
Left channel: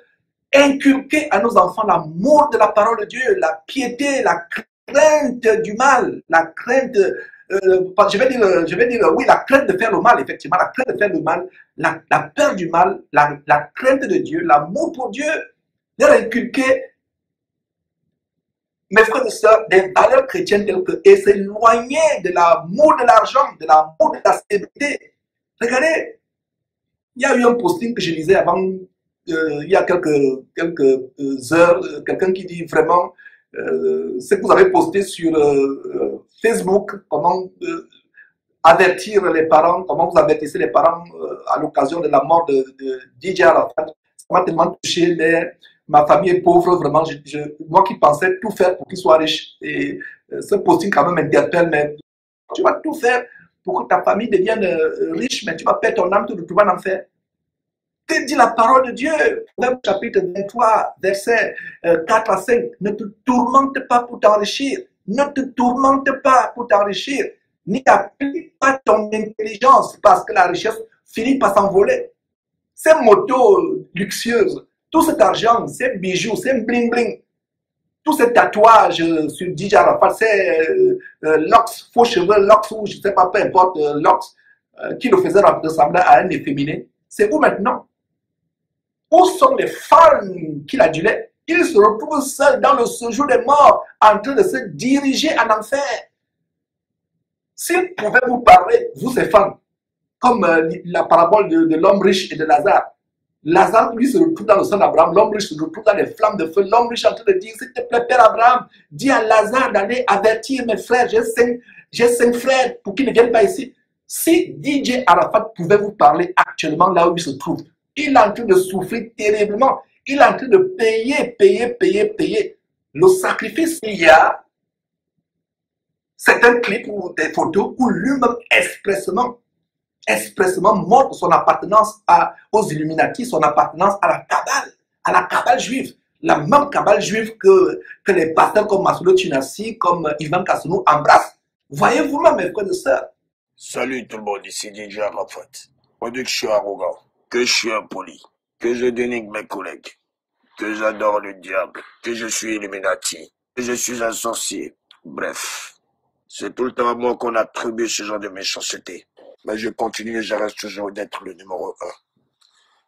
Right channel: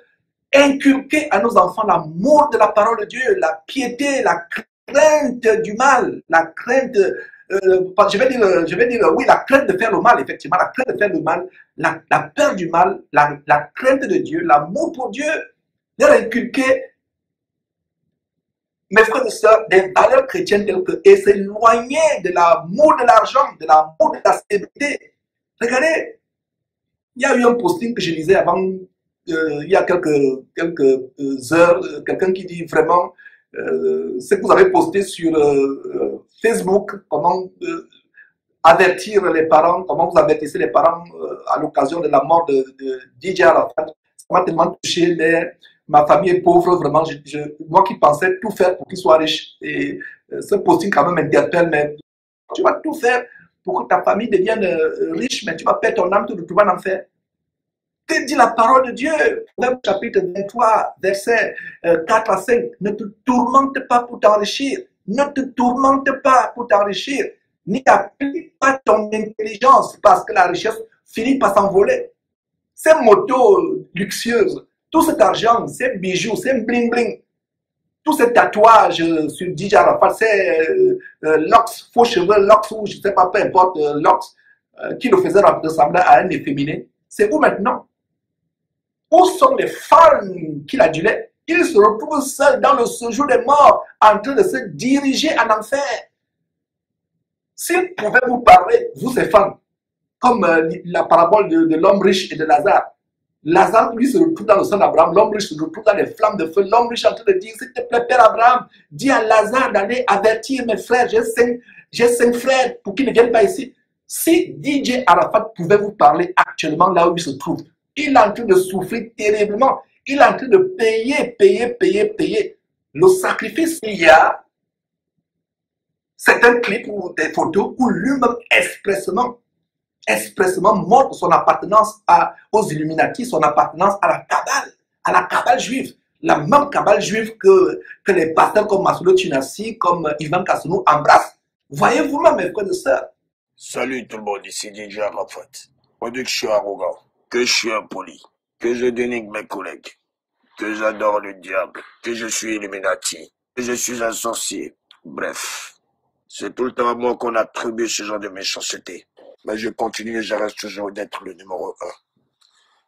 inculquer à nos enfants l'amour de la parole de Dieu, la piété, la crainte du mal, la crainte... je vais dire, oui, la crainte de faire le mal, effectivement, la crainte de faire le mal, la peur du mal, la crainte de Dieu, l'amour pour Dieu, leur inculquer, mes frères et sœurs, des valeurs chrétiennes telles que, et s'éloigner de l'amour de l'argent, de l'amour de la célébrité. Regardez, il y a eu un posting que je lisais avant, il y a quelques heures, quelqu'un qui dit vraiment, ce que vous avez posté sur Facebook, comment avertir les parents, comment vous avertissez les parents à l'occasion de la mort de DJ Arafat. Ça m'a tellement touché. Ma famille est pauvre, vraiment. Moi qui pensais tout faire pour qu'il soit riche. Et ce posting quand même m'interpelle, mais tu vas tout faire pour que ta famille devienne riche, mais tu vas perdre ton âme, tu te retrouves en enfer. Que dit la parole de Dieu? Proverbe chapitre 23, versets 4 à 5. Ne te tourmente pas pour t'enrichir. Ne te tourmente pas pour t'enrichir. N'y applique pas ton intelligence parce que la richesse finit par s'envoler. Ces motos luxueuses, tout cet argent, ces bijoux, ces bling-bling, tous ces tatouages sur DJ Arafat, ces locks, faux cheveux, locks ou je ne sais pas, peu importe, locks, qui le faisaient ressembler à un efféminé, c'est où maintenant? Où sont les fans qu'il adulait? Il se retrouve seul dans le séjour des morts, en train de se diriger en enfer. S'il pouvait vous parler, vous ces fans, comme la parabole de l'homme riche et de Lazare. Lazare, lui, se retrouve dans le sang d'Abraham. L'homme riche se retrouve dans les flammes de feu. L'homme riche est en train de dire, s'il te plaît, Père Abraham, dis à Lazare d'aller avertir mes frères. J'ai 5 frères pour qu'ils ne viennent pas ici. Si DJ Arafat pouvait vous parler actuellement là où il se trouve, il est en train de souffrir terriblement. Il est en train de payer. Le sacrifice qu'il y a, c'est un clip ou des photos où lui-même expressément montre son appartenance aux Illuminati, son appartenance à la cabale juive. La même cabale juive que les pasteurs comme Massoud Tunassi, comme Ivan Kassonou embrassent. Voyez-vous même, mes frères et sœurs. Salut tout le monde, ici DJ Arafat. On dit que je suis arrogant, que je suis impoli, que je dénigre mes collègues, que j'adore le diable, que je suis Illuminati, que je suis un sorcier. Bref, c'est tout le temps à moi qu'on attribue ce genre de méchanceté. Mais je continue et je reste toujours d'être le numéro 1.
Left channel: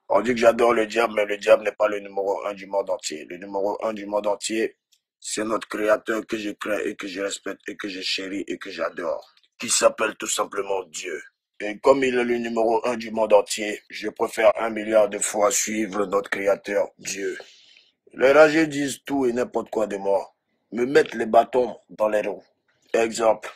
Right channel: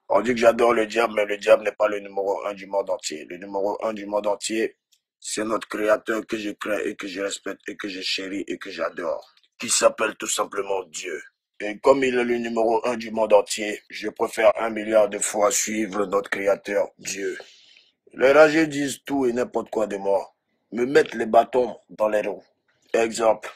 On dit que j'adore le diable, mais le diable n'est pas le numéro 1 du monde entier. Le numéro 1 du monde entier, c'est notre créateur que je crains et que je respecte et que je chéris et que j'adore, qui s'appelle tout simplement Dieu. Et comme il est le numéro 1 du monde entier, je préfère 1 milliard de fois suivre notre créateur, Dieu. Les rageux disent tout et n'importe quoi de moi, me mettent les bâtons dans les roues. Exemple,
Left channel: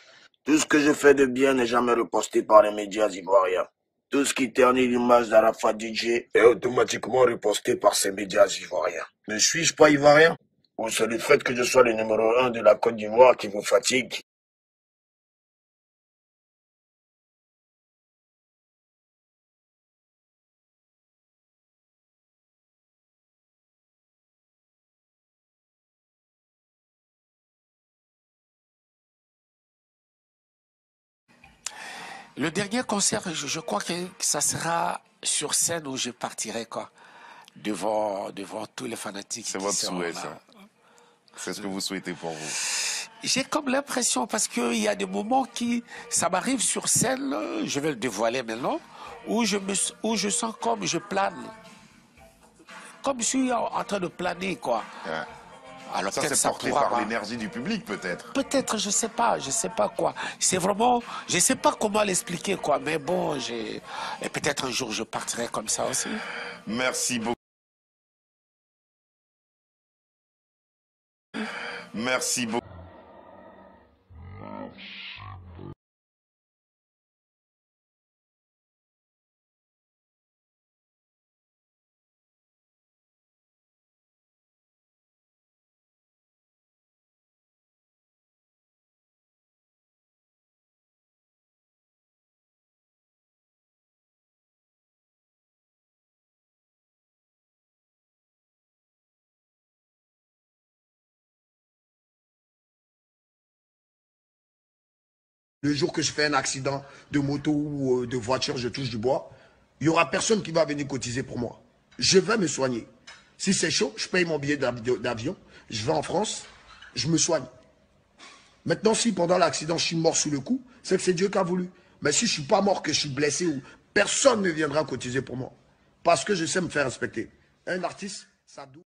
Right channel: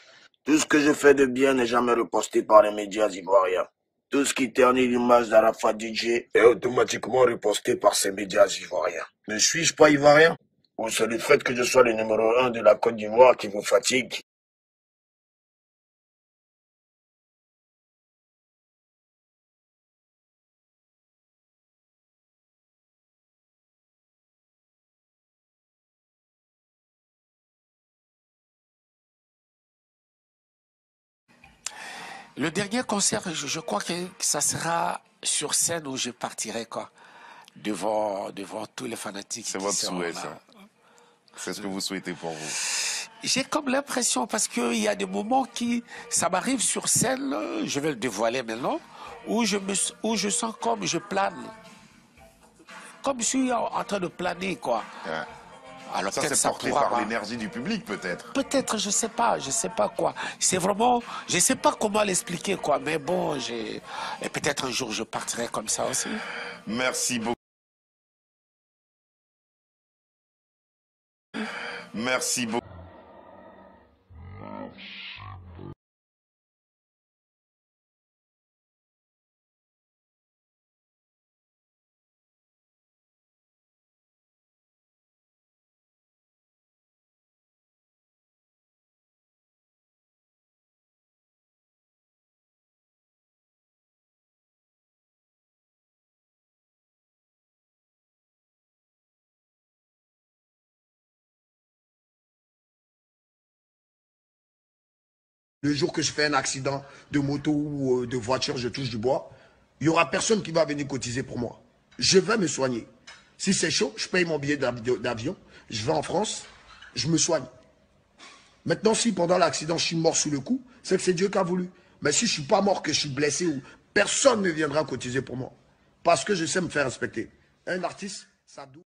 tout ce que je fais de bien n'est jamais reposté par les médias ivoiriens. Tout ce qui ternit l'image d'Arafat DJ est automatiquement reposté par ces médias ivoiriens. Ne suis-je pas ivoirien? Ou c'est le fait que je sois le numéro 1 de la Côte d'Ivoire qui vous fatigue? Le dernier concert, je crois que ça sera sur scène où je partirai, quoi. Devant tous les fanatiques. C'est votre souhait, ça. C'est ce que vous souhaitez pour vous? J'ai comme l'impression, parce qu'il y a des moments ça m'arrive sur scène, je vais le dévoiler maintenant, où je sens comme je plane. Comme je suis en train de planer, quoi. Ouais. Alors ça, c'est porté par l'énergie du public, peut-être. Peut-être, je sais pas quoi. C'est vraiment, je sais pas comment l'expliquer, quoi. Mais bon, et peut-être un jour je partirai comme ça aussi. Merci beaucoup. Merci beaucoup. Le jour que je fais un accident de moto ou de voiture, je touche du bois, il n'y aura personne qui va venir cotiser pour moi. Je vais me soigner. Si c'est chaud, je paye mon billet d'avion, je vais en France, je me soigne. Maintenant, si pendant l'accident, je suis mort sous le coup, c'est que c'est Dieu qui a voulu. Mais si je ne suis pas mort, que je suis blessé, personne ne viendra cotiser pour moi. Parce que je sais me faire respecter. Un artiste, ça doit...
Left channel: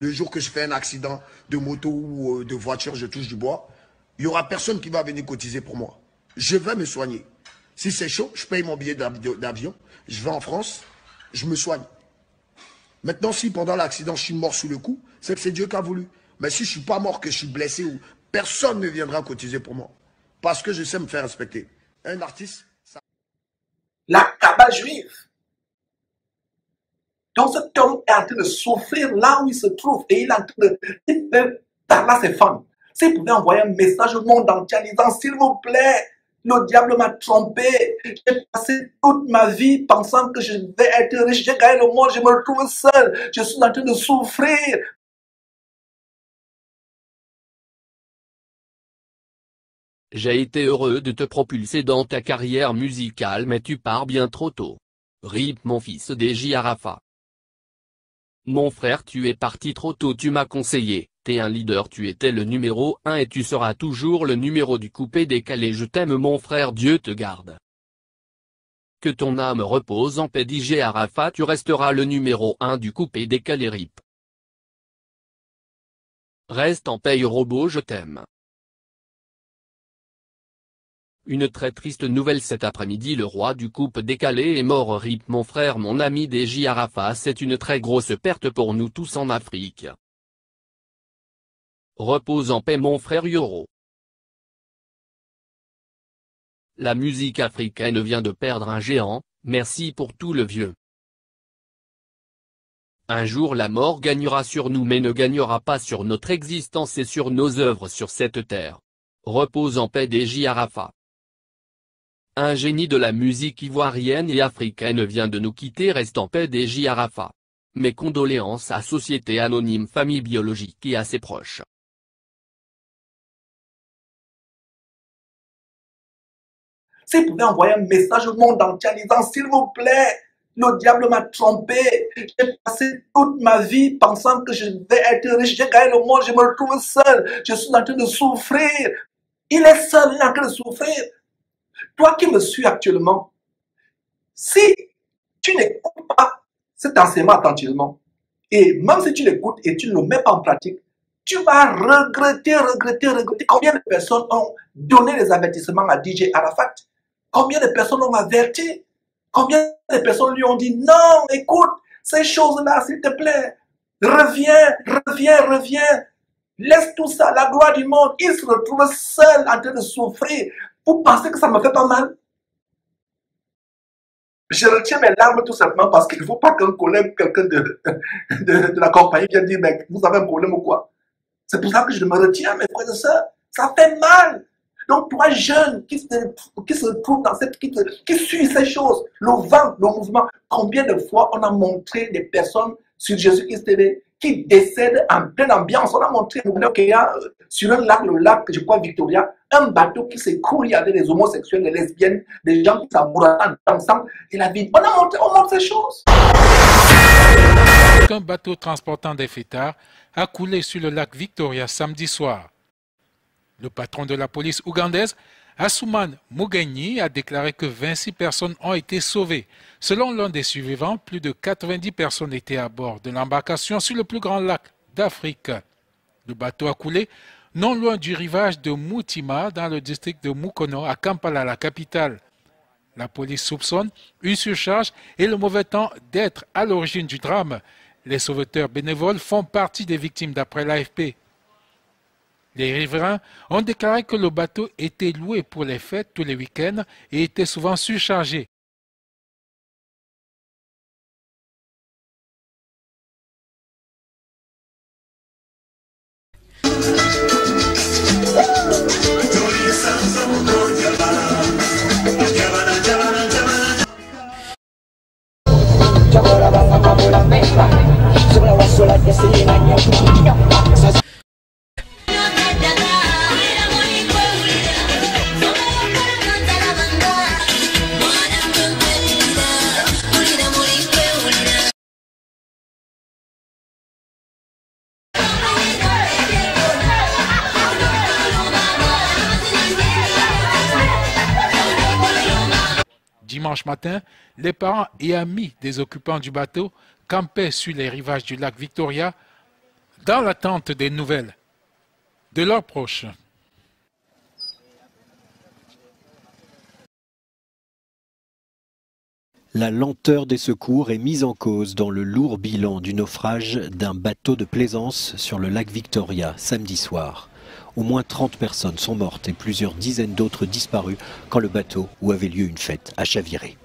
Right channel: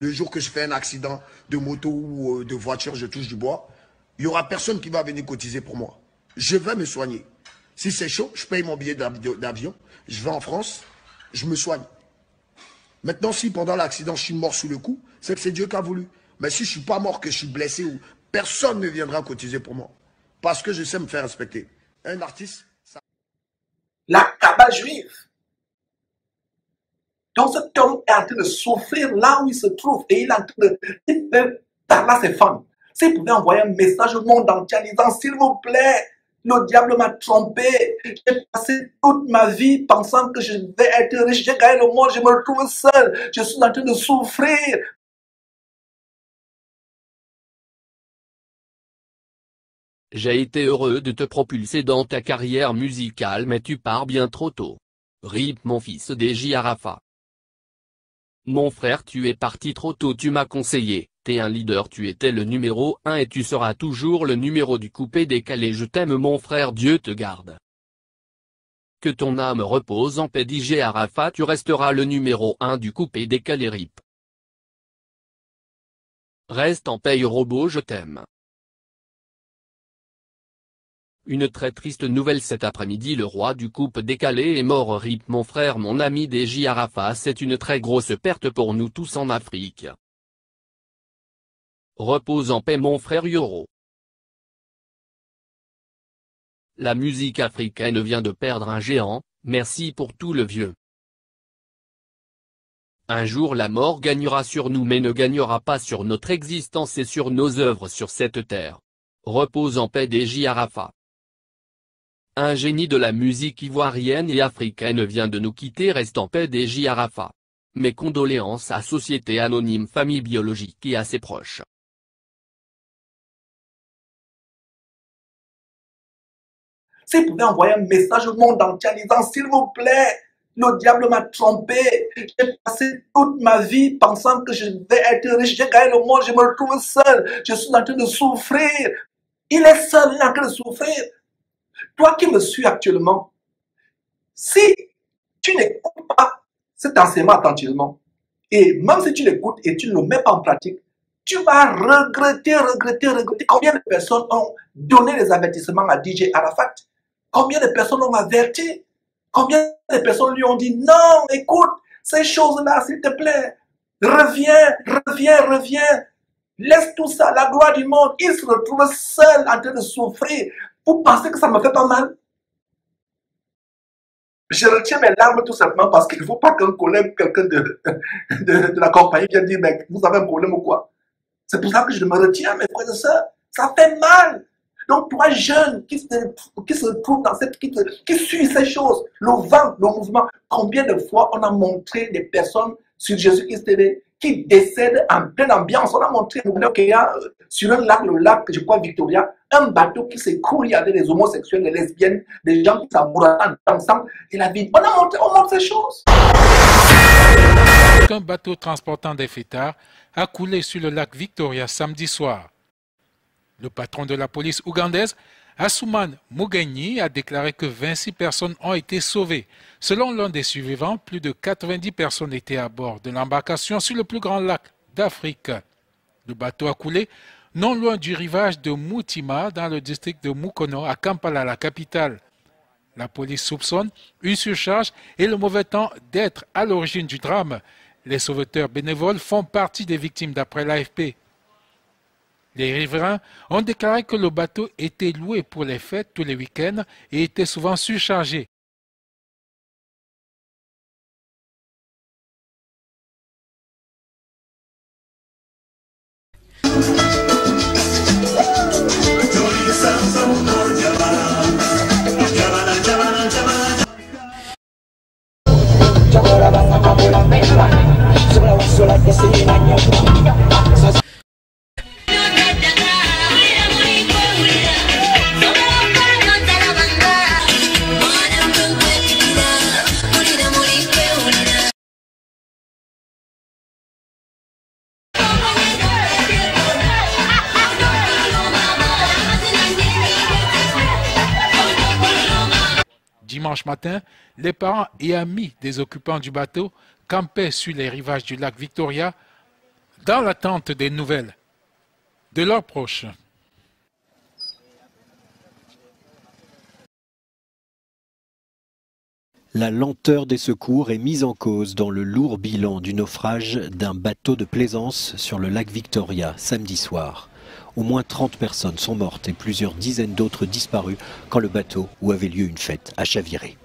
Le jour que je fais un accident de moto ou de voiture, je touche du bois, il n'y aura personne qui va venir cotiser pour moi. Je vais me soigner. Si c'est chaud, je paye mon billet d'avion, je vais en France, je me soigne. Maintenant, si pendant l'accident, je suis mort sous le coup, c'est que c'est Dieu qui a voulu. Mais si je ne suis pas mort, que je suis blessé, personne ne viendra cotiser pour moi. Parce que je sais me faire respecter. Un artiste, ça... La cabale juive. Donc cet homme est en train de souffrir là où il se trouve et il est en train de parler à ses fans. S'il pouvait envoyer un message au monde entier en disant, s'il vous plaît, le diable m'a trompé. J'ai passé toute ma vie pensant que je vais être riche. J'ai gagné le monde, je me retrouve seul. Je suis en train de souffrir. J'ai été heureux de te propulser dans ta carrière musicale, mais tu pars bien trop tôt. RIP mon fils DJ Arafa. Mon frère, tu es parti trop tôt, tu m'as conseillé, t'es un leader, tu étais le numéro 1 et tu seras toujours le numéro du coupé décalé. Je t'aime mon frère, Dieu te garde. Que ton âme repose en paix DJ Arafa, tu resteras le numéro 1 du coupé décalé RIP. Reste en paix robot, je t'aime. Une très triste nouvelle cet après-midi, le roi du coupe décalé est mort. RIP mon frère, mon ami DJ Arafa, c'est une très grosse perte pour nous tous en Afrique. Repose en paix mon frère Yoro. La musique africaine vient de perdre un géant, merci pour tout le vieux. Un jour la mort gagnera sur nous mais ne gagnera pas sur notre existence et sur nos œuvres sur cette terre. Repose en paix DJ Arafat. Un génie de la musique ivoirienne et africaine vient de nous quitter. Reste en paix DJ Arafat. Mes condoléances à Société Anonyme Famille Biologique et à ses proches. Si vous pouvez envoyer un message au monde entier en disant, s'il vous plaît, le diable m'a trompé, j'ai passé toute ma vie pensant que je vais être riche, j'ai gagné le monde, je me retrouve seul, je suis en train de souffrir. Il est seul, il est en train de souffrir. Toi qui me suis actuellement, si tu n'écoutes pas cet enseignement attentivement, et même si tu l'écoutes et tu ne le mets pas en pratique, tu vas regretter. Combien de personnes ont donné des avertissements à DJ Arafat? Combien de personnes l'ont averti? Combien de personnes lui ont dit, non, écoute, ces choses-là, s'il te plaît, reviens. Laisse tout ça, la gloire du monde. Il se retrouve seul en train de souffrir. Vous pensez que ça me fait pas mal? Je retiens mes larmes tout simplement parce qu'il ne faut pas qu'un collègue, quelqu'un de la compagnie vienne dire, mais vous avez un problème ou quoi? C'est pour ça que je me retiens, mes frères et sœurs. Ça fait mal. Donc, toi, jeune, qui se trouve dans qui suit ces choses, le vent, le mouvement, combien de fois on a montré des personnes sur Jésus-Christ TV qui décèdent en pleine ambiance. On a montré qu'il y a sur un lac, le lac, je crois, Victoria, un bateau qui s'écoule, il y avait des homosexuels, des lesbiennes, des gens qui s'amourent ensemble, et la vie. On montre ces choses. Un bateau transportant des fêtards a coulé sur le lac Victoria samedi soir. Le patron de la police ougandaise, Asuman Mugenyi, a déclaré que 26 personnes ont été sauvées. Selon l'un des survivants, plus de 90 personnes étaient à bord de l'embarcation sur le plus grand lac d'Afrique. Le bateau a coulé non loin du rivage de Mutima, dans le district de Mukono, à Kampala, la capitale. La police soupçonne une surcharge et le mauvais temps d'être à l'origine du drame. Les sauveteurs bénévoles font partie des victimes d'après l'AFP. Les riverains ont déclaré que le bateau était loué pour les fêtes tous les week-ends et était souvent surchargé. Dimanche matin, les parents et amis des occupants du bateau campaient sur les rivages du lac Victoria dans l'attente des nouvelles de leurs proches. La lenteur des secours est mise en cause dans le lourd bilan du naufrage d'un bateau de plaisance sur le lac Victoria samedi soir. Au moins 30 personnes sont mortes et plusieurs dizaines d'autres disparues quand le bateau où avait lieu une fête a chaviré.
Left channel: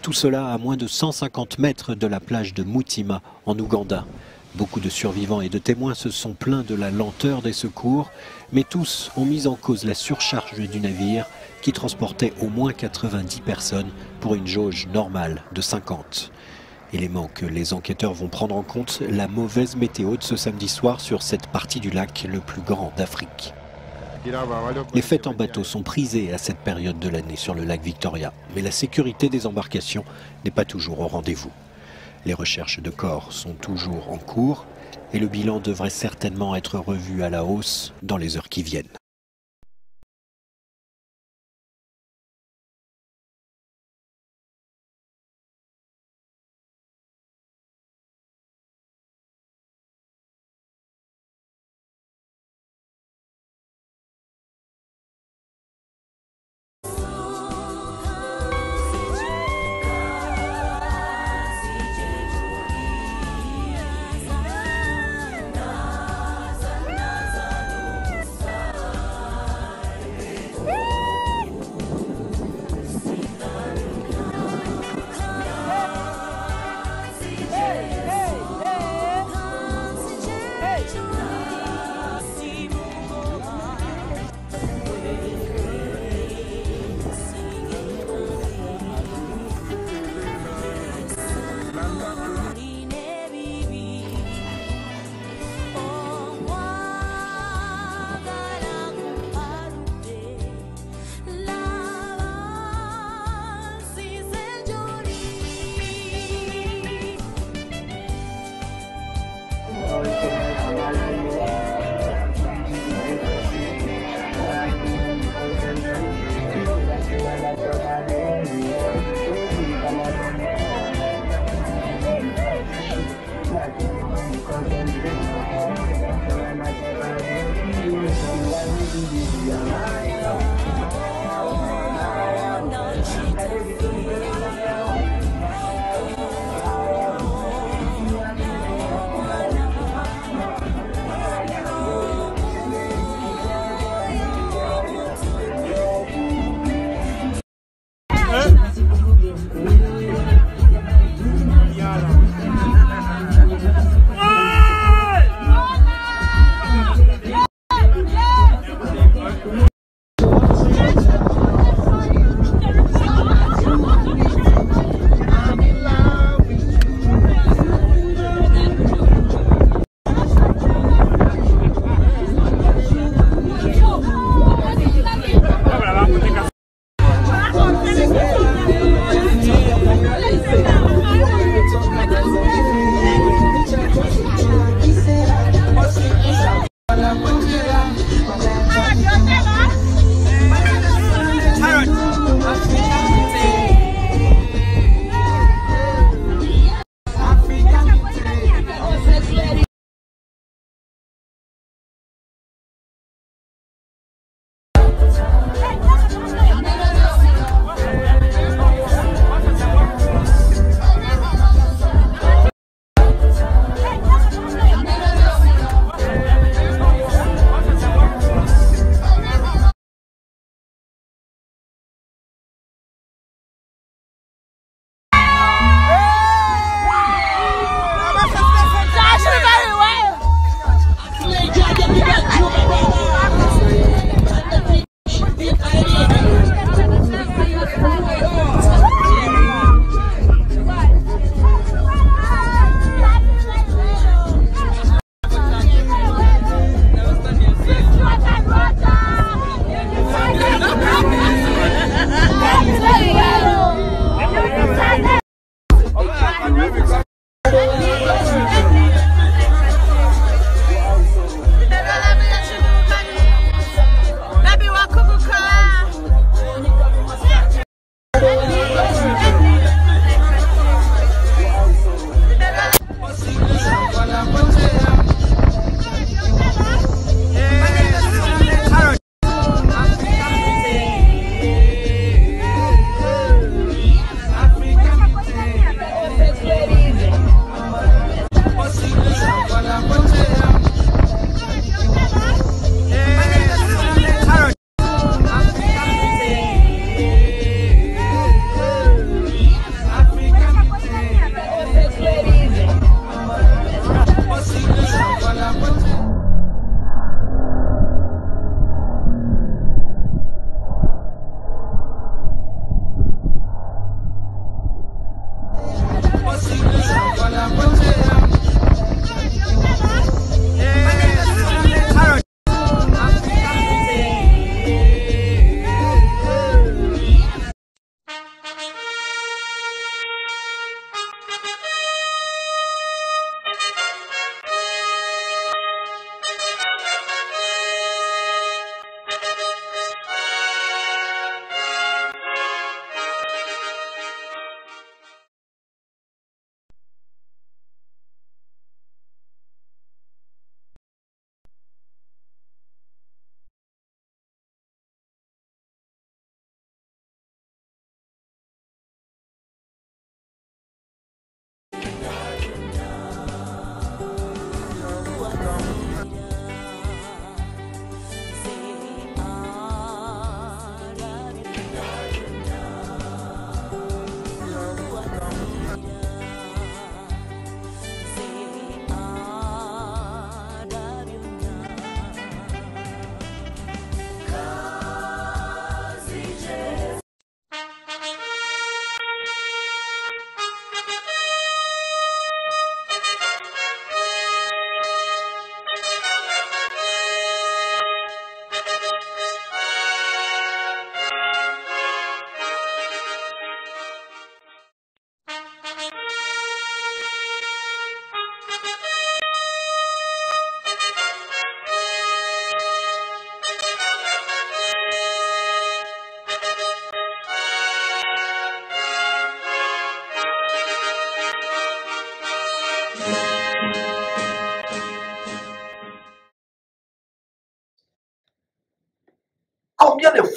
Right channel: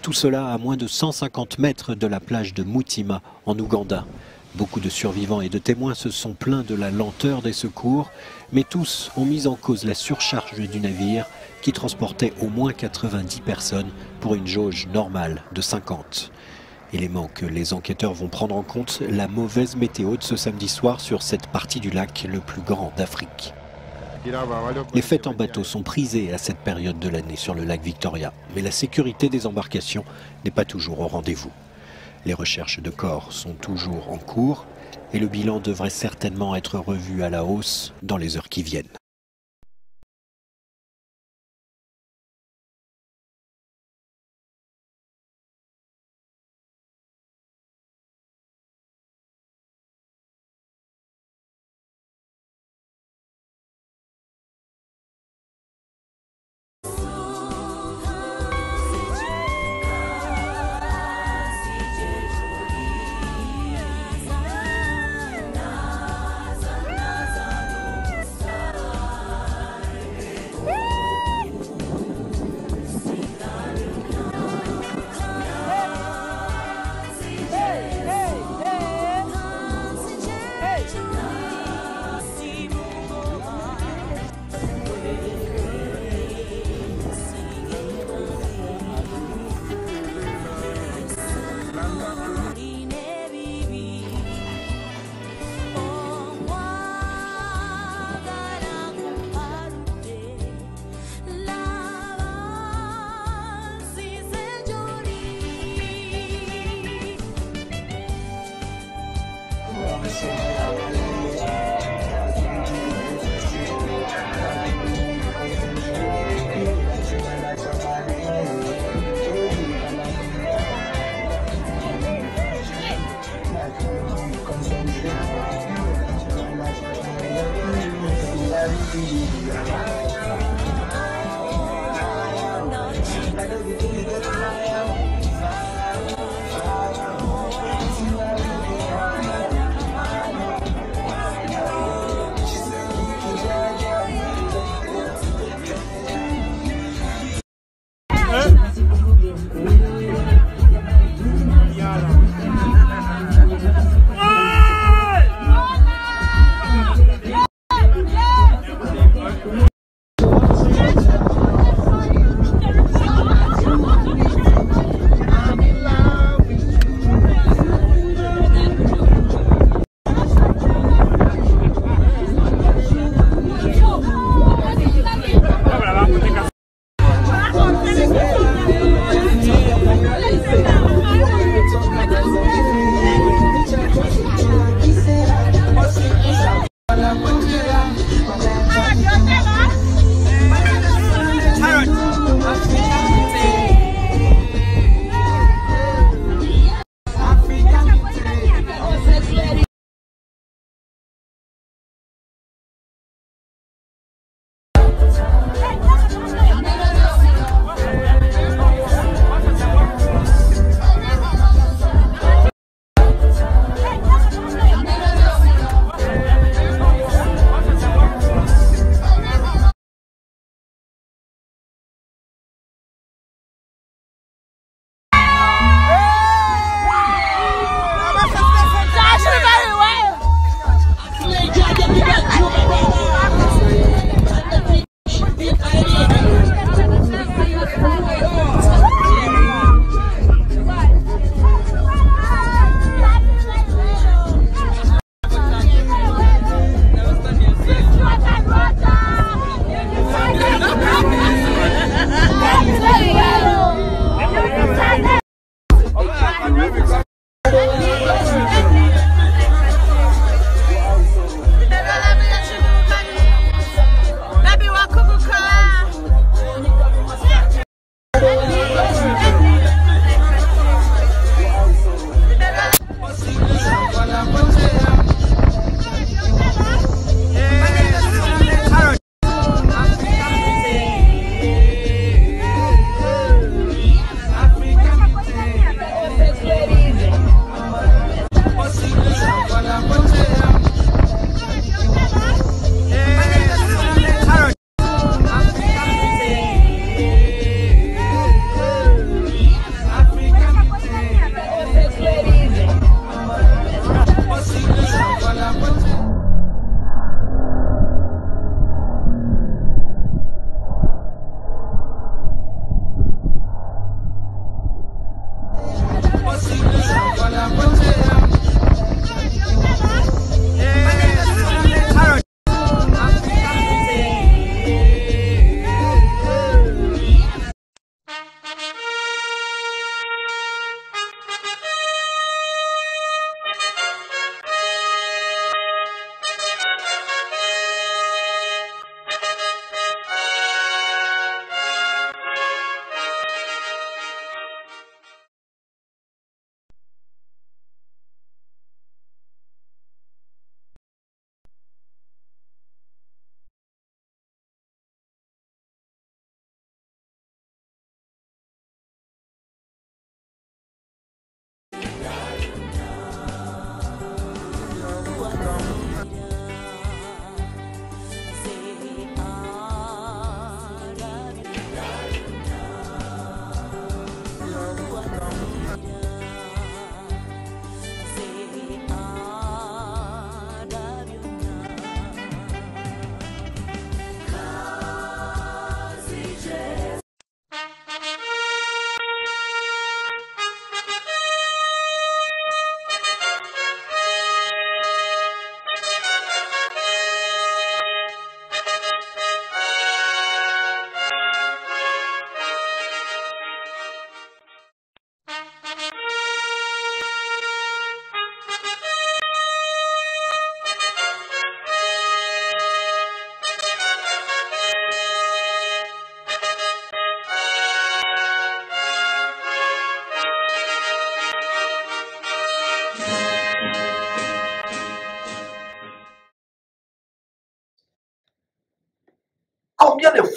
Tout cela à moins de 150 mètres de la plage de Mutima en Ouganda. Beaucoup de survivants et de témoins se sont plaints de la lenteur des secours, mais tous ont mis en cause la surcharge du navire qui transportait au moins 90 personnes pour une jauge normale de 50. Élément que les enquêteurs vont prendre en compte, la mauvaise météo de ce samedi soir sur cette partie du lac le plus grand d'Afrique. Les fêtes en bateau sont prisées à cette période de l'année sur le lac Victoria, mais la sécurité des embarcations n'est pas toujours au rendez-vous. Les recherches de corps sont toujours en cours et le bilan devrait certainement être revu à la hausse dans les heures qui viennent.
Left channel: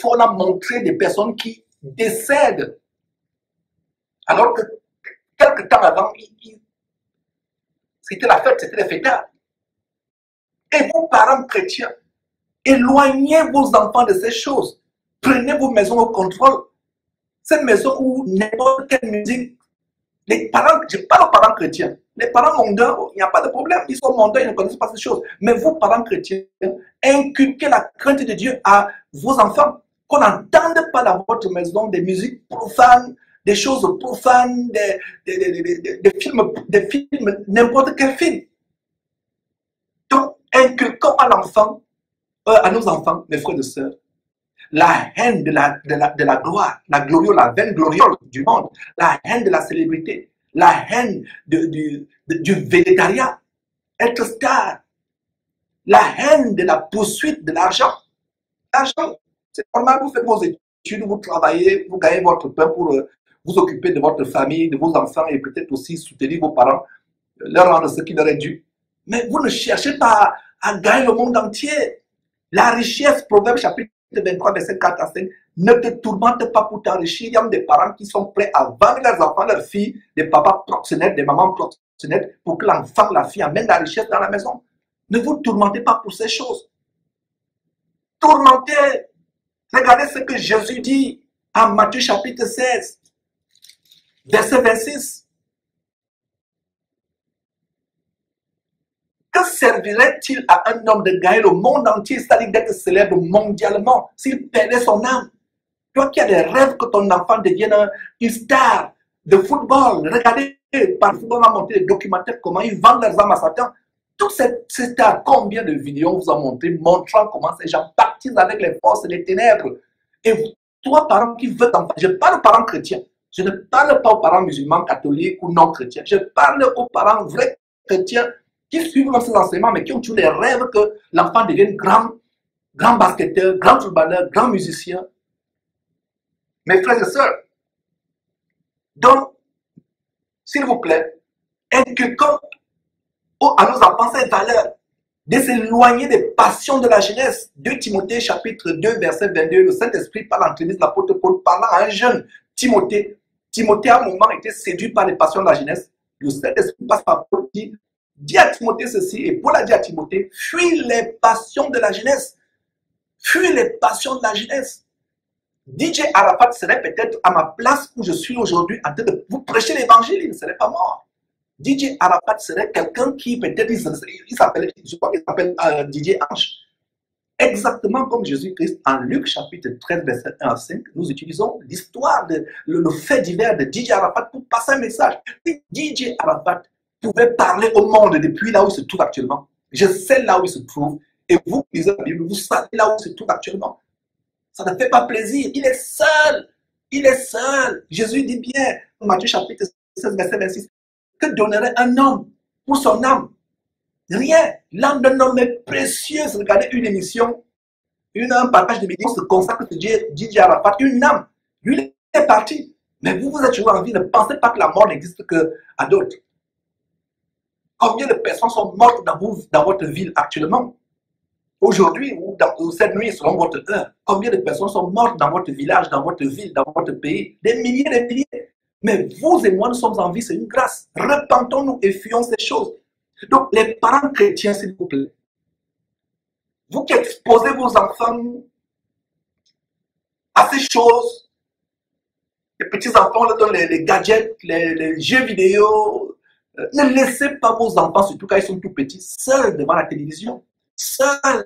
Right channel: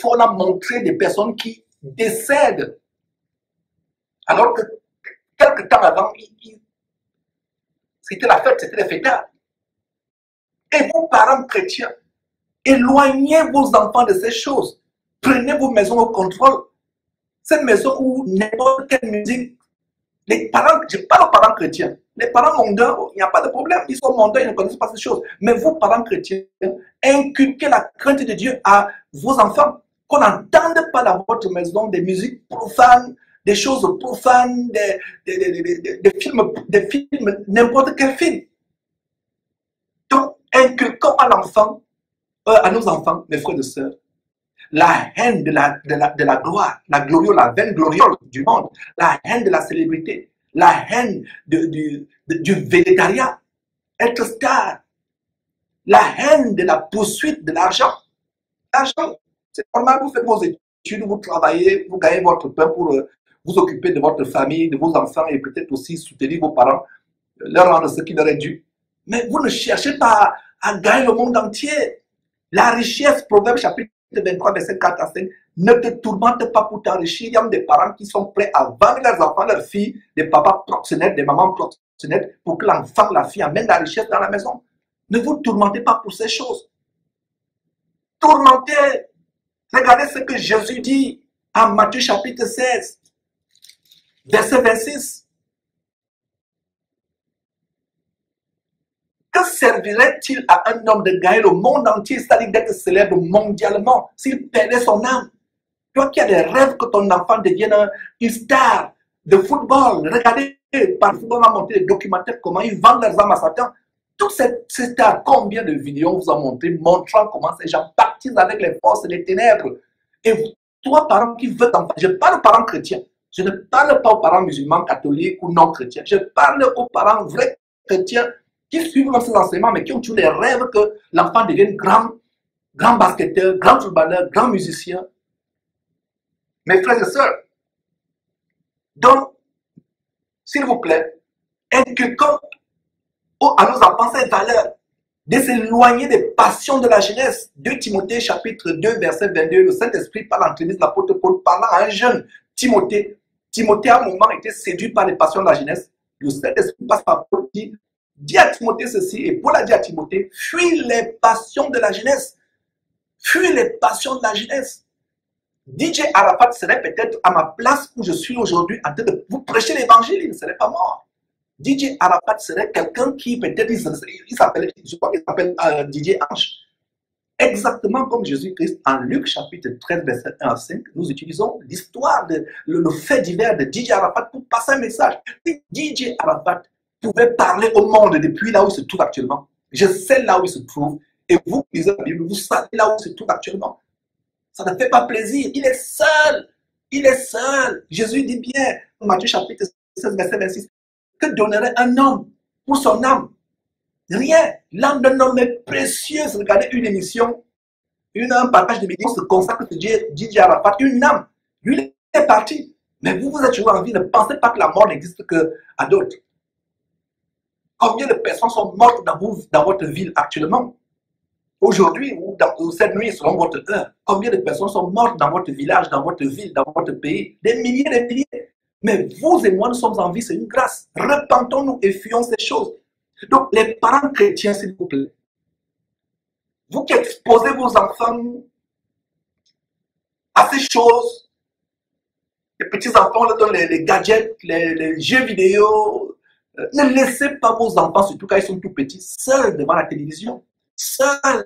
fois, on a montré des personnes qui décèdent. Alors que quelque temps avant, c'était la fête, c'était les fêtards. Et vous, parents chrétiens, éloignez vos enfants de ces choses. Prenez vos maisons au contrôle. Cette maison où n'importe quelle musique, les parents, je parle aux parents chrétiens, les parents mondains, il n'y a pas de problème, ils sont mondains, ils ne connaissent pas ces choses. Mais vous, parents chrétiens, inculquez la crainte de Dieu à vos enfants, qu'on n'entende pas dans votre maison des musiques profanes, des choses profanes, des films, n'importe quel film. Donc, inculquons à l'enfant, à nos enfants, mes frères et sœurs, la haine de la gloire, la vaine gloriole du monde, la haine de la célébrité, la haine du végétariat, être star, la haine de la poursuite de l'argent. L'argent, c'est normal, vous faites vos études, vous travaillez, vous gagnez votre pain pour vous occuper de votre famille, de vos enfants et peut-être aussi soutenir vos parents, leur rendre ce qui leur est dû. Mais vous ne cherchez pas à gagner le monde entier. La richesse, Proverbe chapitre 23, verset 4 à 5, ne te tourmente pas pour t'enrichir. Il y a des parents qui sont prêts à vendre leurs enfants, leurs filles, des papas proxénètes, des mamans proxénètes, pour que l'enfant, la fille amène la richesse dans la maison. Ne vous tourmentez pas pour ces choses. Tourmentez. Regardez ce que Jésus dit en Matthieu chapitre 16, verset 26. Que servirait-il à un homme de gagner le monde entier, c'est-à-dire d'être célèbre mondialement, s'il perdait son âme? Toi qui as des rêves que ton enfant devienne une star de football, regardez, par le football, on a monté des documentaires, comment ils vendent leurs âmes à Satan. Toutes ces stars, combien de vidéos on vous a montré, montrant comment ces gens baptisent avec les forces et les ténèbres. Et toi, parents qui veulent t'enfants, je parle aux parents chrétiens, je ne parle pas aux parents musulmans, catholiques ou non chrétiens, je parle aux parents vrais chrétiens qui suivent ces enseignements, mais qui ont toujours les rêves que l'enfant devienne grand basketteur, grand footballeur, grand musicien. Mes frères et sœurs, donc, s'il vous plaît, inculquons à nos enfants ces valeurs, de s'éloigner des passions de la jeunesse. 2 Timothée chapitre 2, verset 22, le Saint-Esprit par l'entremise de l'apôtre Paul, parlant à un jeune Timothée. Timothée, à un moment, était séduit par les passions de la jeunesse. Le Saint-Esprit passe par Paul, dit à Timothée ceci, et Paul a dit à Timothée, fuis les passions de la jeunesse. Fuis les passions de la jeunesse. DJ Arafat serait peut-être à ma place où je suis aujourd'hui en train de vous prêcher l'évangile, il ne serait pas mort. DJ Arafat serait quelqu'un qui peut-être, il s'appelle, je crois qu'il s'appelle DJ Ange. Exactement comme Jésus-Christ en Luc chapitre 13, verset 1 à 5, nous utilisons l'histoire, le fait divers de DJ Arafat pour passer un message. Si DJ Arafat pouvait parler au monde depuis là où il se trouve actuellement, je sais là où il se trouve, et vous qui lisez la Bible, vous savez là où il se trouve actuellement. Ça ne fait pas plaisir, il est seul, il est seul. Jésus dit bien, Matthieu chapitre 16, verset 26, que donnerait un homme pour son âme? Rien. L'âme d'un homme est précieuse. Regardez une émission, un partage de vidéos se consacre sur DJ Arafat, une âme. Lui, il est parti. Mais vous êtes toujours en vie. Ne pensez pas que la mort n'existe qu'à d'autres. Combien de personnes sont mortes dans votre ville actuellement? Aujourd'hui ou cette nuit, selon votre heure, combien de personnes sont mortes dans votre village, dans votre ville, dans votre pays? Des milliers, des milliers. Mais vous et moi, nous sommes en vie, c'est une grâce. Repentons-nous et fuyons ces choses. Donc, les parents chrétiens, s'il vous plaît, vous qui exposez vos enfants à ces choses, les petits-enfants leur donnent les gadgets, les jeux vidéo, ne laissez pas vos enfants, surtout quand ils sont tout petits, seuls devant la télévision, seuls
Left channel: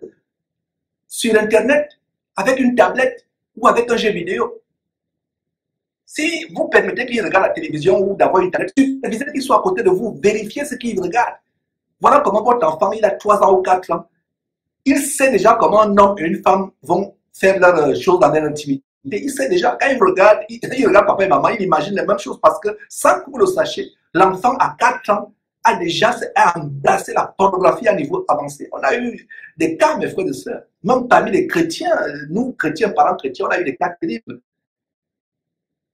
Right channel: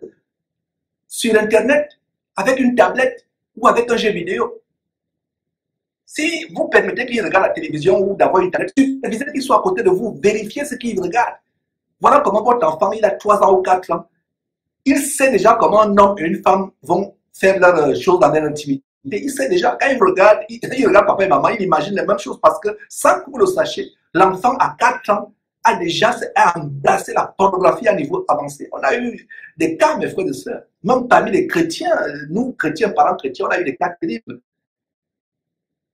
sur Internet, avec une tablette ou avec un jeu vidéo. Si vous permettez qu'ils regardent la télévision ou d'avoir Internet, supervisez qu'ils soient à côté de vous, vérifiez ce qu'ils regardent. Voilà comment votre enfant, il a 3 ans ou 4 ans. Il sait déjà comment un homme et une femme vont faire leurs choses dans leur intimité. Il sait déjà, quand il regarde papa et maman, il imagine les mêmes choses parce que, sans que vous le sachiez, l'enfant à 4 ans a déjà embrassé la pornographie à niveau avancé. On a eu des cas, mes frères et sœurs, même parmi les chrétiens, nous, chrétiens, parents chrétiens, on a eu des cas terribles.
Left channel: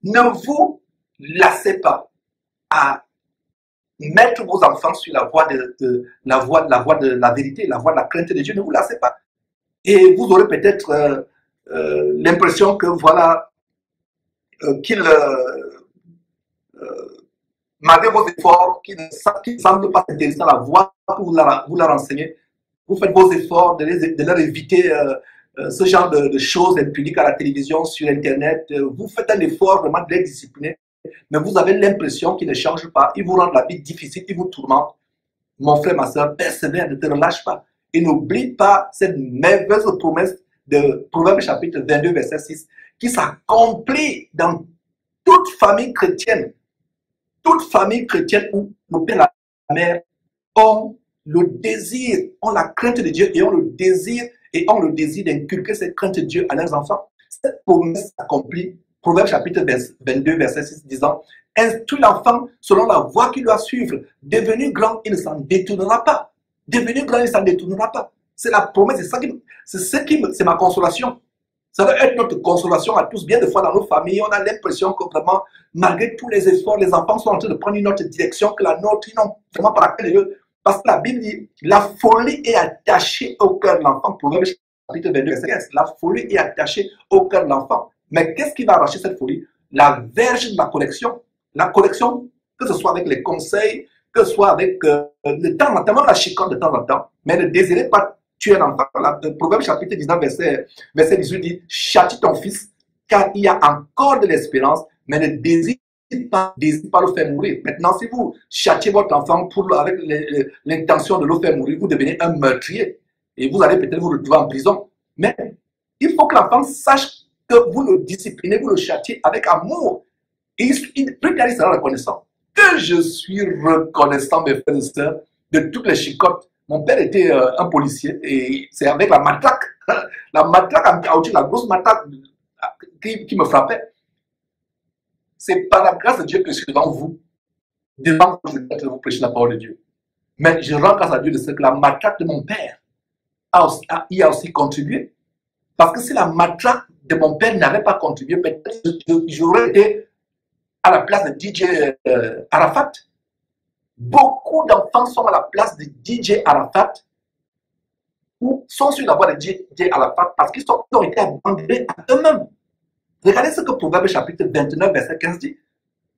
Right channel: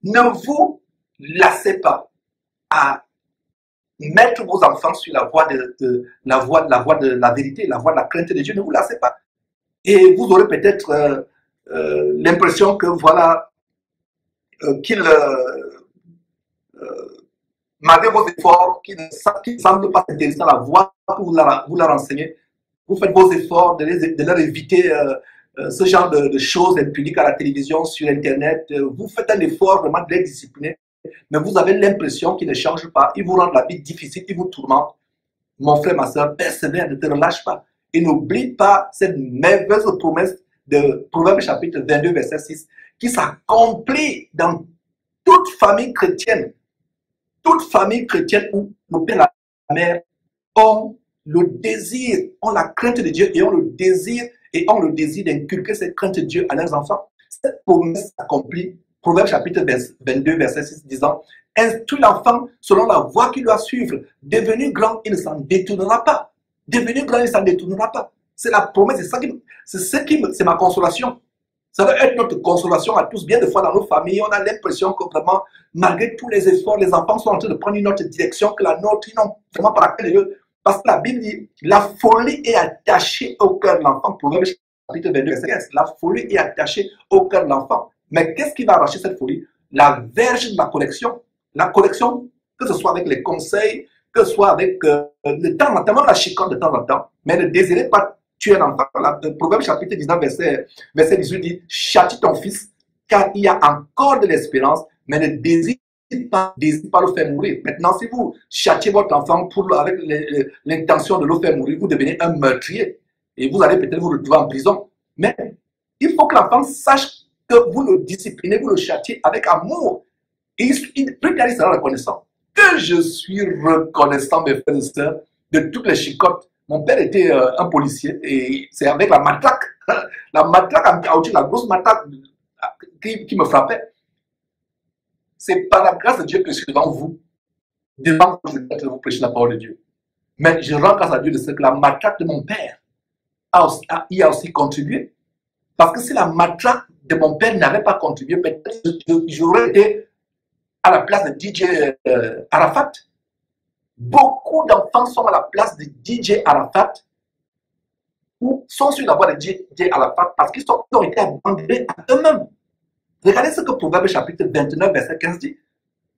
Ne vous lassez pas à mettre vos enfants sur la voie de la vérité, la voie de la crainte de Dieu. Ne vous lassez pas. Et vous aurez peut-être l'impression que voilà, qu'il malgré vos efforts, qui ne semblent pas s'intéresser à la voie que vous leur enseignez, vous faites vos efforts de leur éviter ce genre de choses impudiques à la télévision, sur Internet. Vous faites un effort vraiment de les discipliner, mais vous avez l'impression qu'ils ne changent pas. Ils vous rendent la vie difficile, ils vous tourmentent. Mon frère, ma soeur, persévère, ne te relâche pas. Et n'oublie pas cette merveilleuse promesse de Proverbes chapitre 22, verset 6, qui s'accomplit dans toute famille chrétienne. Toute famille chrétienne où le père et la mère ont le désir, ont la crainte de Dieu et ont le désir d'inculquer cette crainte de Dieu à leurs enfants. Cette promesse s'accomplit. Proverbe chapitre 22, verset 6, disant, instruis l'enfant selon la voie qu'il doit suivre. Devenu grand, il ne s'en détournera pas. Devenu grand, il ne s'en détournera pas. C'est la promesse, c'est ma consolation. Ça doit être notre consolation à tous. Bien des fois dans nos familles, on a l'impression que vraiment, malgré tous les efforts, les enfants sont en train de prendre une autre direction que la nôtre. Ils n'ont vraiment pas la clé. Parce que la Bible dit, la folie est attachée au cœur de l'enfant. Proverbe chapitre 22, verset 15. La folie est attachée au cœur de l'enfant. Mais qu'est-ce qui va arracher cette folie? La verge de la correction. La correction, que ce soit avec les conseils, que ce soit avec le temps en temps, même la chicane de temps en temps. Mais ne désirez pas tuer un enfant. Le Proverbe chapitre 19, verset 18 dit, châtie ton fils, car il y a encore de l'espérance, mais ne désire pas le faire mourir. Maintenant, si vous châtiez votre enfant avec l'intention de le faire mourir, vous devenez un meurtrier. Et vous allez peut-être vous retrouver en prison. Mais il faut que l'enfant sache que vous le disciplinez, vous le châtiez avec amour. Et plus tard, il sera reconnaissant. Que je suis reconnaissant, mes frères et sœurs, de toutes les chicottes. Mon père était un policier et c'est avec la matraque en caoutchouc, la grosse matraque qui me frappait. C'est par la grâce de Dieu que je suis devant vous, devant que je vais vous prêcher la parole de Dieu. Mais je rends grâce à Dieu de ce que la matraque de mon père y a aussi contribué. Parce que si la matraque de mon père n'avait pas contribué, peut-être j'aurais été à la place de DJ Arafat. Beaucoup d'enfants sont à la place de DJ Arafat ou sont sur la voie de DJ Arafat parce qu'ils ont été abandonnés à eux-mêmes. Regardez ce que Proverbe chapitre 29, verset 15 dit.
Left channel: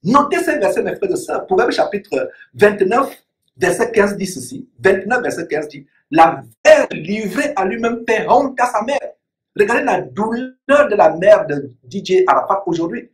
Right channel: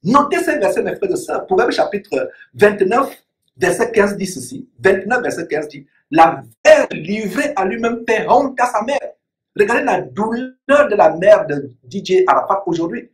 Notez ces versets, mes frères et sœurs. Proverbe chapitre 29, verset 15 dit ceci. 29, verset 15 dit, la mère livrée à lui-même fait honte à sa mère. Regardez la douleur de la mère de DJ Arafat aujourd'hui.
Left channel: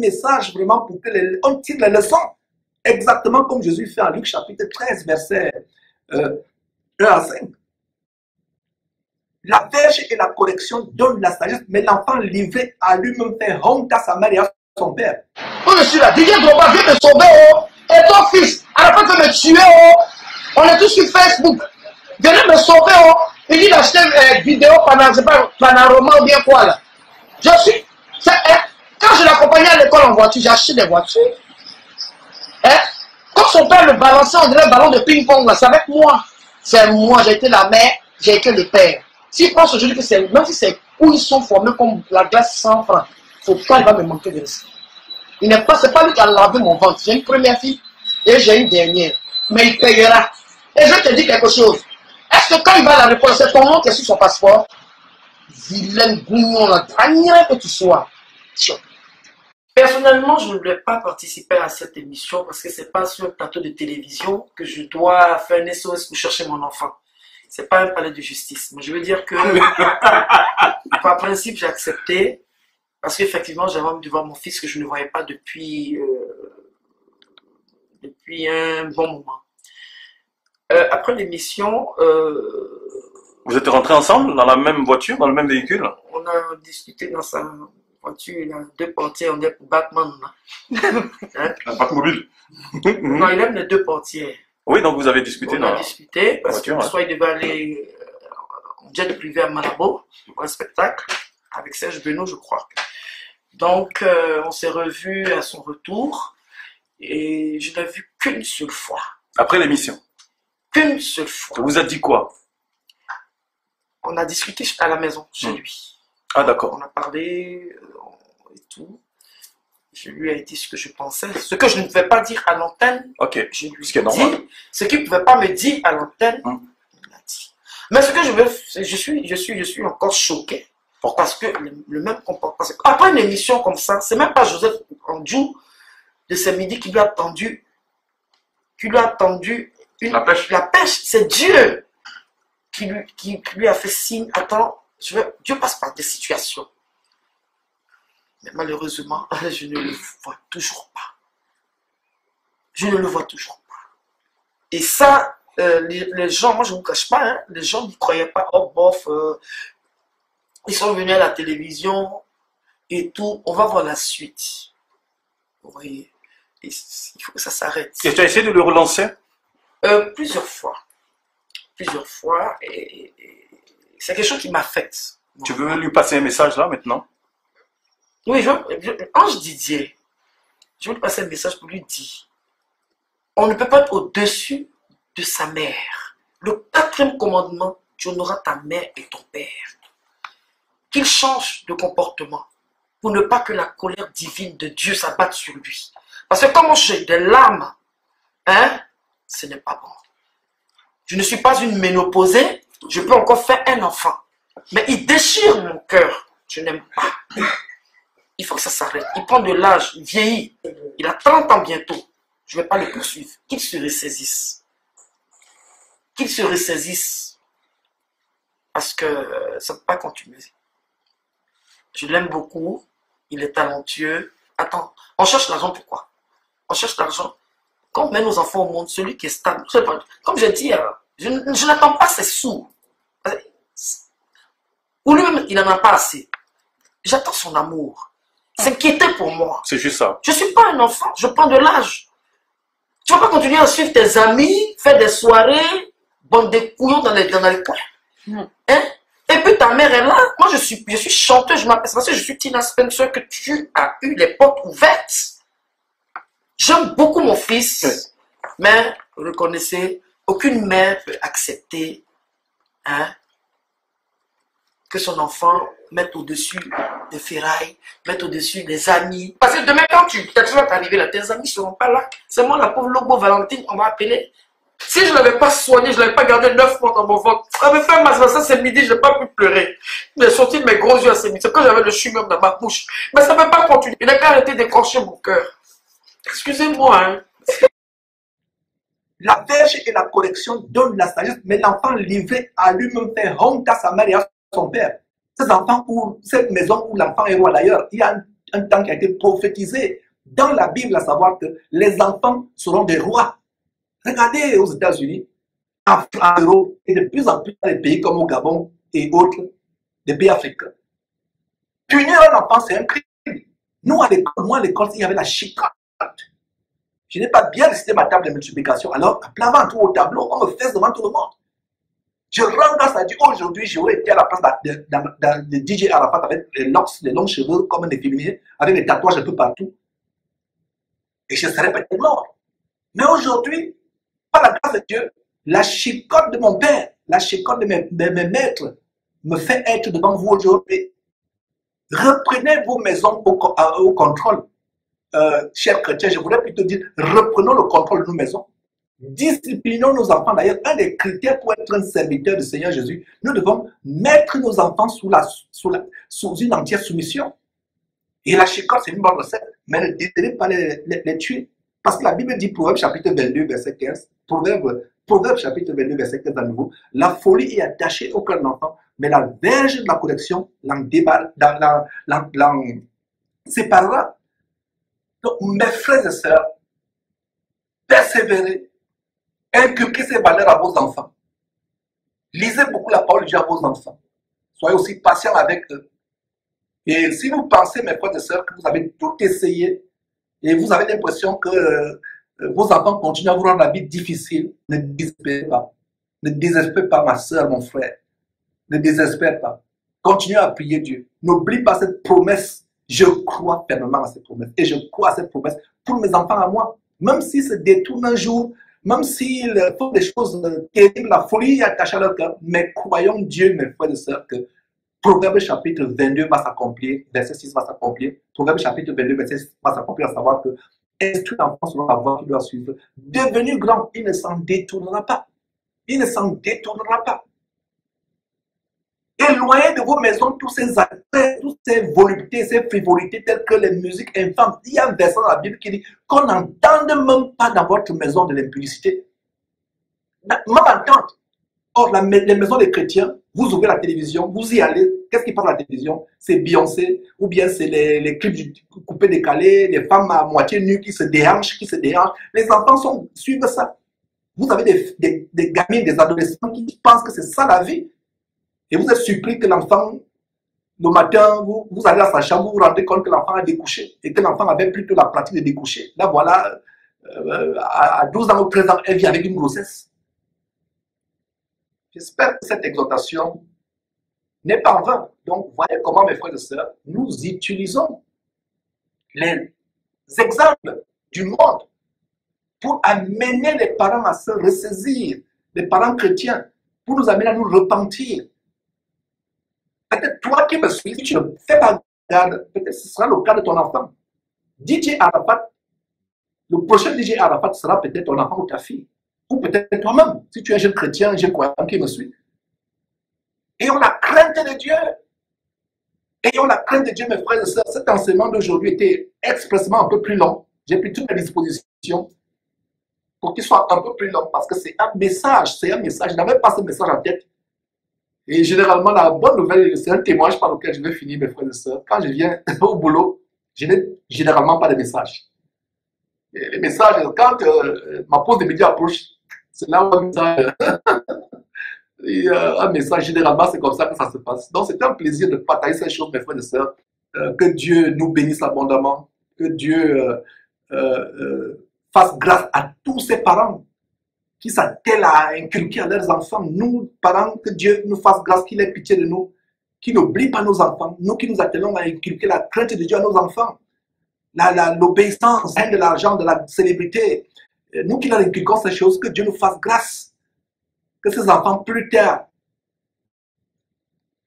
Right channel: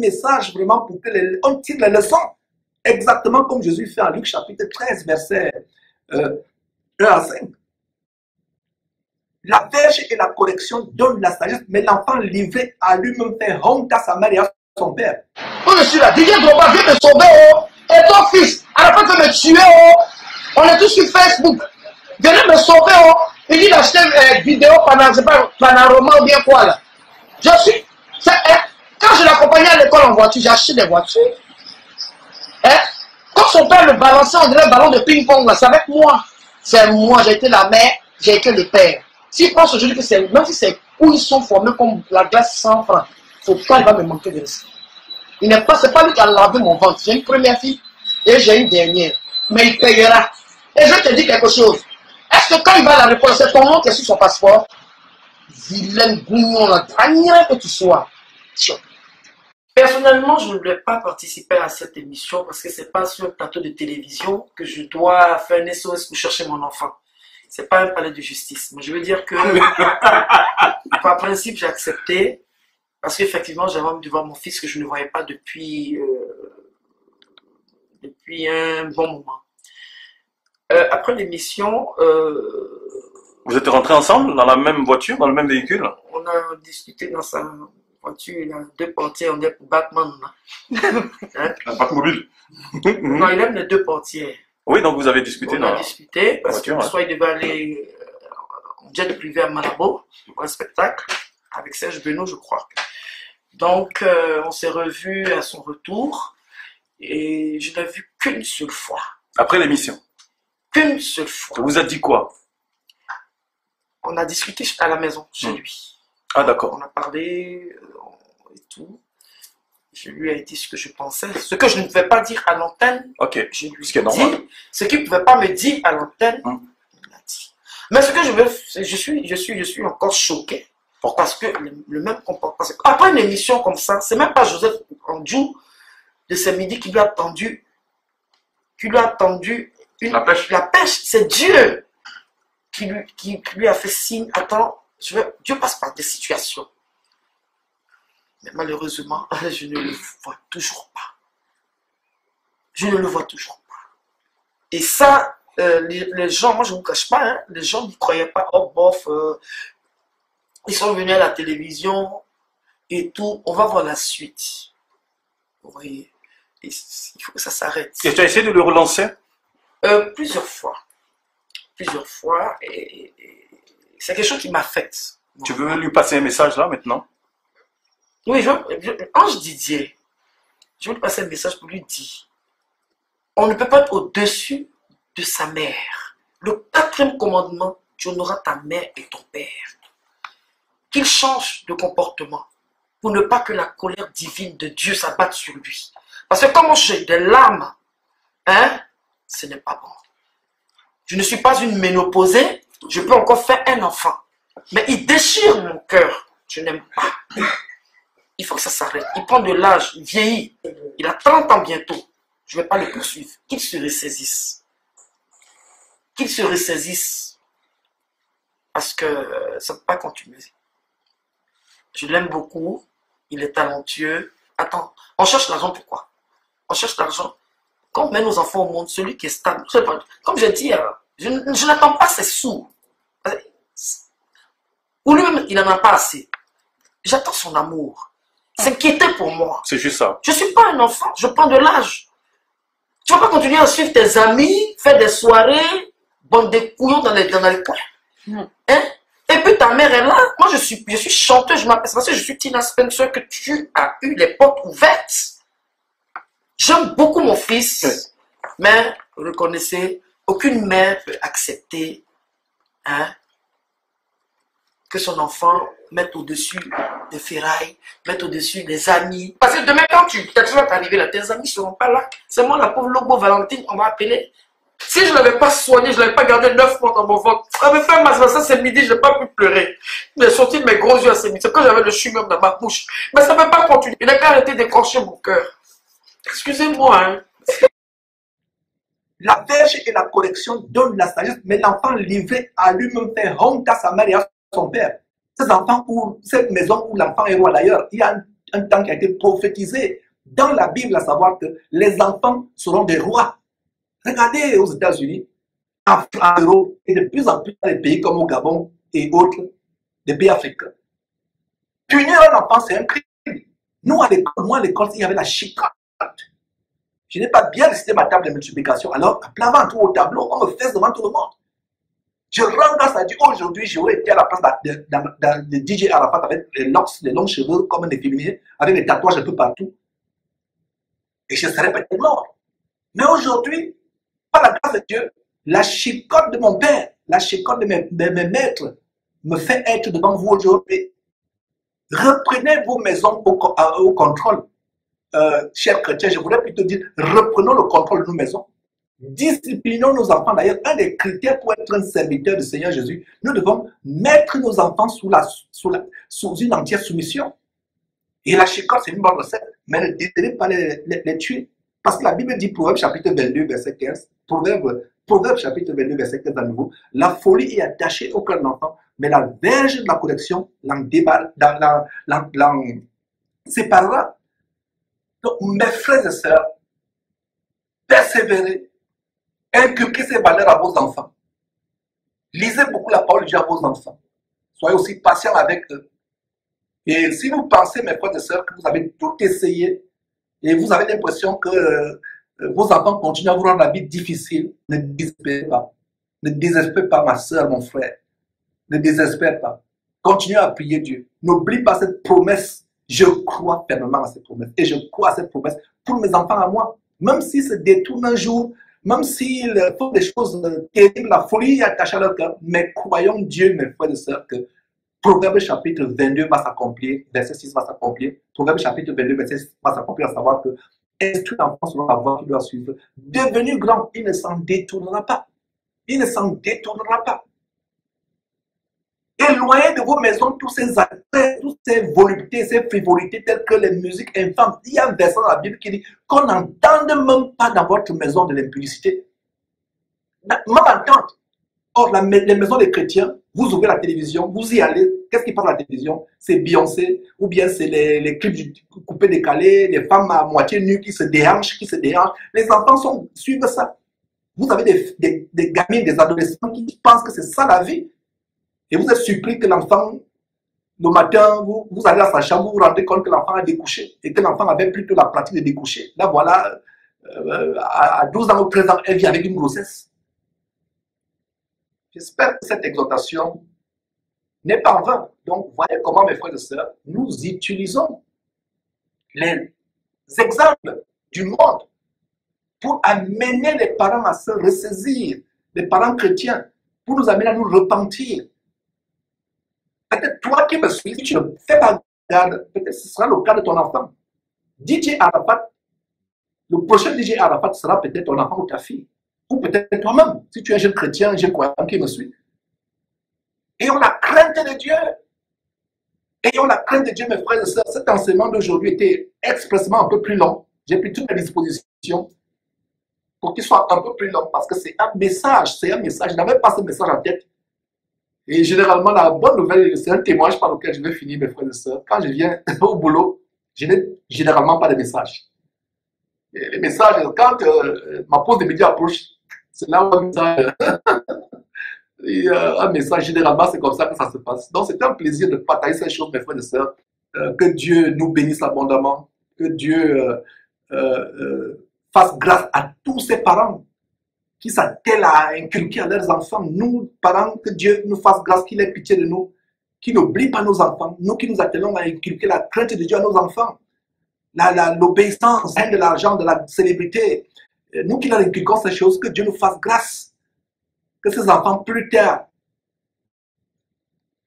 Message vraiment pour que on tire les leçons exactement comme Jésus fait en Luc chapitre 13 verset 1 à 5. La verge et la correction donnent la sagesse, mais l'enfant livré à lui-même fait honte à sa mère et à son père. Oh, je suis là, Didier Drogba vient me sauver, oh, et ton fils, à la fin de me tuer, oh, on est tous sur Facebook, venez me sauver, oh, il dit d'acheter une vidéo panorama ou bien quoi là. Je suis, quand je l'accompagnais à l'école en voiture, j'ai acheté des voitures. Hein? Quand son père le balançait, on dirait un ballon de ping-pong, là, c'est avec moi. C'est moi, j'ai été la mère, j'ai été le père. S'il pense aujourd'hui que c'est, même si c'est où ils sont formés comme la glace 100 francs, faut pas, il va me manquer de ça. Il n'est pas, c'est pas lui qui a lavé mon ventre. J'ai une première fille et j'ai une dernière. Mais il payera. Et je te dis quelque chose. Est-ce que quand il va à la réponse, c'est ton nom qui est sur son passeport? Vilaine gougnon, la dernière que tu sois. Personnellement, je ne voulais pas participer à cette émission parce que c'est pas sur un plateau de télévision que je dois faire un SOS pour chercher mon enfant. C'est pas un palais de justice. Mais je veux dire que, par principe, j'ai accepté parce qu'effectivement, j'avais envie de voir mon fils que je ne voyais pas depuis un bon moment. Après l'émission, vous êtes rentrés ensemble dans la même voiture, dans le même véhicule? On a discuté dans sa voiture, il a 2 portières, on est pour Batman. Hein? Un Batmobile. Non, il aime les 2 portières. Oui, donc vous avez discuté On a discuté parce que voiture, soit il devait aller en jet privé à Malabo pour un spectacle avec Serge Benoît, je crois. Donc, on s'est revus à son retour et je l'ai vu qu'une seule fois. Après l'émission? Qu'une seule fois. Ça vous a dit quoi? On a discuté à la maison, chez lui. Ah, d'accord. On a parlé et tout. Je lui ai dit ce que je pensais. Ce que je ne pouvais pas dire à l'antenne, je lui ai dit. Ce qu'il ne pouvait pas me dire à l'antenne, il l'a dit. Mais ce que je veux, je suis encore choqué. Parce que le même comportement. Après une émission comme ça, c'est même pas Joseph Andjou de ce midi qui lui a tendu la pêche. C'est Dieu qui lui a fait signe. Attends, Dieu passe par des situations. Mais malheureusement, je ne le vois toujours pas. Je ne le vois toujours pas. Et ça, les gens, moi je ne vous cache pas, hein, les gens n'y croyaient pas. Oh bof, ils sont venus à la télévision et tout. On va voir la suite. Vous voyez, il faut que ça s'arrête. Et tu as essayé de le relancer? Plusieurs fois. Plusieurs fois. Et c'est quelque chose qui m'affecte. Tu veux lui passer un message là maintenant? Oui, Ange Didier, je veux lui passer un message pour lui dire, on ne peut pas être au-dessus de sa mère. Le 4e commandement, tu honoreras ta mère et ton père. Qu'il change de comportement pour ne pas que la colère divine de Dieu s'abatte sur lui. Parce que comme j'ai des larmes, hein, ce n'est pas bon. Je ne suis pas une ménopausée, je peux encore faire un enfant. Mais il déchire mon cœur, je n'aime pas. Il faut que ça s'arrête. Il prend de l'âge, il vieillit. Il a 30 ans bientôt. Je ne vais pas le poursuivre. Qu'il se ressaisisse. Qu'il se ressaisisse. Parce que ça ne peut pas continuer. Je l'aime beaucoup. Il est talentueux. Attends, on cherche l'argent pourquoi? On cherche l'argent. Quand on met nos enfants au monde, celui qui est stable. Comme j'ai dit, je n'attends pas ses sous. Ou lui-même, il n'en a pas assez. J'attends son amour. S'inquiéter pour moi. C'est juste ça. Je ne suis pas un enfant, je prends de l'âge. Tu ne vas pas continuer à suivre tes amis, faire des soirées, bande de couillons dans les coins. Hein? Et puis ta mère est là. Moi, je suis chanteuse, je m'appelle parce que je suis Tina Spencer, que tu as eu les portes ouvertes. J'aime beaucoup mon fils, mais reconnaissez, aucune mère peut accepter que son enfant mette au-dessus des ferrailles, mette au-dessus des amis. Parce que demain, quand quelque chose va t'arriver là, tes amis ne seront pas là. C'est moi, la pauvre Lobo Valentine, on va appeler. Si je ne l'avais pas soigné, je ne l'avais pas gardé 9 mois dans mon ventre. Ça me fait mal, ça c'est midi, je n'ai pas pu pleurer. J'ai sorti de mes gros yeux à ce midi. C'est quand j'avais le chewing dans ma bouche. Mais ça ne peut pas continuer. Il n'a qu'à arrêter d'écorcher mon cœur. Excusez-moi, hein. La verge et la correction donnent la sagesse, mais l'enfant livré à lui-même fait honte à sa mère et à son père. Ces enfants ou cette maison où l'enfant est roi d'ailleurs, il y a un temps qui a été prophétisé dans la Bible, à savoir que les enfants seront des rois. Regardez aux États-Unis, en Europe et de plus en plus dans les pays comme au Gabon et autres, des pays africains. Punir un enfant, c'est un crime. Nous, à l'école, il y avait la chicotte. Je n'ai pas bien récité ma table de multiplication, alors, à plein ventre au tableau, on me fait devant tout le monde. Je rends grâce à Dieu. Aujourd'hui, j'aurais été à la place de DJ Arafat avec les longs cheveux comme un efféminé, avec des tatouages un peu partout. Et je serais peut-être mort. Mais aujourd'hui, par la grâce de Dieu, la chicotte de mon père, la chicotte de mes maîtres me fait être devant vous aujourd'hui. Reprenez vos maisons au contrôle. Chers chrétiens, je voudrais plutôt dire, reprenons le contrôle de nos maisons. Disciplinons nos enfants. D'ailleurs, un des critères pour être un serviteur du Seigneur Jésus, nous devons mettre nos enfants sous une entière soumission. Et la chicotte, c'est une bonne recette. mais ne désirez pas les tuer. Parce que la Bible dit, Proverbe chapitre 22, verset 15, Proverbe chapitre 22, verset 15 à nouveau, la folie est attachée au cœur de l'enfant, mais la verge de la correction l'en séparera. Donc, mes frères et sœurs, persévérez, inculquez ces valeurs à vos enfants. Lisez beaucoup la parole de Dieu à vos enfants. Soyez aussi patients avec eux. Et si vous pensez, mes frères et sœurs, que vous avez tout essayé et vous avez l'impression que vos enfants continuent à vous rendre la vie difficile, ne désespérez pas. Ne désespérez pas, ma sœur, mon frère. Ne désespérez pas. Continuez à prier Dieu. N'oublie pas cette promesse. Je crois fermement à cette promesse. Et je crois à cette promesse pour mes enfants à moi. Même s'ils se détournent un jour, même s'ils font des choses terribles, la folie est attachée à leur cœur. Mais croyons Dieu, mes frères et sœurs, que Proverbe chapitre 22 va s'accomplir, verset 6 va s'accomplir. Proverbe chapitre 22, verset 6 va s'accomplir, à savoir que instruit l'enfant selon la voie qu'il doit suivre. Devenu grand, il ne s'en détournera pas. Il ne s'en détournera pas. Éloignez de vos maisons tous ces attraits, toutes ces voluptés, ces frivolités telles que les musiques infâmes. Il y a un verset dans la Bible qui dit qu'on n'entende même pas dans votre maison de l'impudicité. Même entente. Or, les maisons des chrétiens, vous ouvrez la télévision, vous y allez. Qu'est-ce qui parle à la télévision? C'est Beyoncé, ou bien c'est les clips coupés décalés, les femmes à moitié nues qui se déhanchent, Les enfants suivent ça. Vous avez des gamins, des adolescents qui pensent que c'est ça la vie. Et vous êtes surpris que l'enfant, le matin, vous allez à sa chambre, vous vous rendez compte que l'enfant a découché et que l'enfant avait plutôt la pratique de découcher. Là, voilà, à 12 ans ou 13 ans, elle vit avec une grossesse. J'espère que cette exhortation n'est pas en vain. Donc, voyez comment, mes frères et sœurs, nous utilisons les exemples du monde pour amener les parents à se ressaisir, les parents chrétiens, pour nous amener à nous repentir. Peut-être toi qui me suis, si tu ne fais pas garde, peut-être ce sera le cas de ton enfant. DJ Arafat, le prochain DJ Arafat sera peut-être ton enfant ou ta fille. Ou peut-être toi-même, si tu es un jeune chrétien, un jeune croyant qui me suit. Ayons la crainte de Dieu. Ayons la crainte de Dieu, mes frères et sœurs. Cet enseignement d'aujourd'hui était expressément un peu plus long. J'ai pris toute la disposition pour qu'il soit un peu plus long parce que c'est un message. C'est un message. Je n'avais pas ce message en tête. Et généralement, la bonne nouvelle, c'est un témoignage par lequel je vais finir, mes frères et sœurs. Quand je viens au boulot, je n'ai généralement pas de message. Et les messages, quand ma pause de midi approche, c'est là où un message, généralement, c'est comme ça que ça se passe. Donc, c'est un plaisir de partager ces choses, mes frères et sœurs. Que Dieu nous bénisse abondamment. Que Dieu fasse grâce à tous ces parents qui s'attellent à inculquer à leurs enfants. Nous, parents, que Dieu nous fasse grâce, qu'il ait pitié de nous, qu'il n'oublie pas nos enfants. Nous qui nous attelons à inculquer la crainte de Dieu à nos enfants. L'obéissance, de l'argent, de la célébrité. Nous qui leur inculquons ces choses, que Dieu nous fasse grâce. Que ces enfants, plus tard,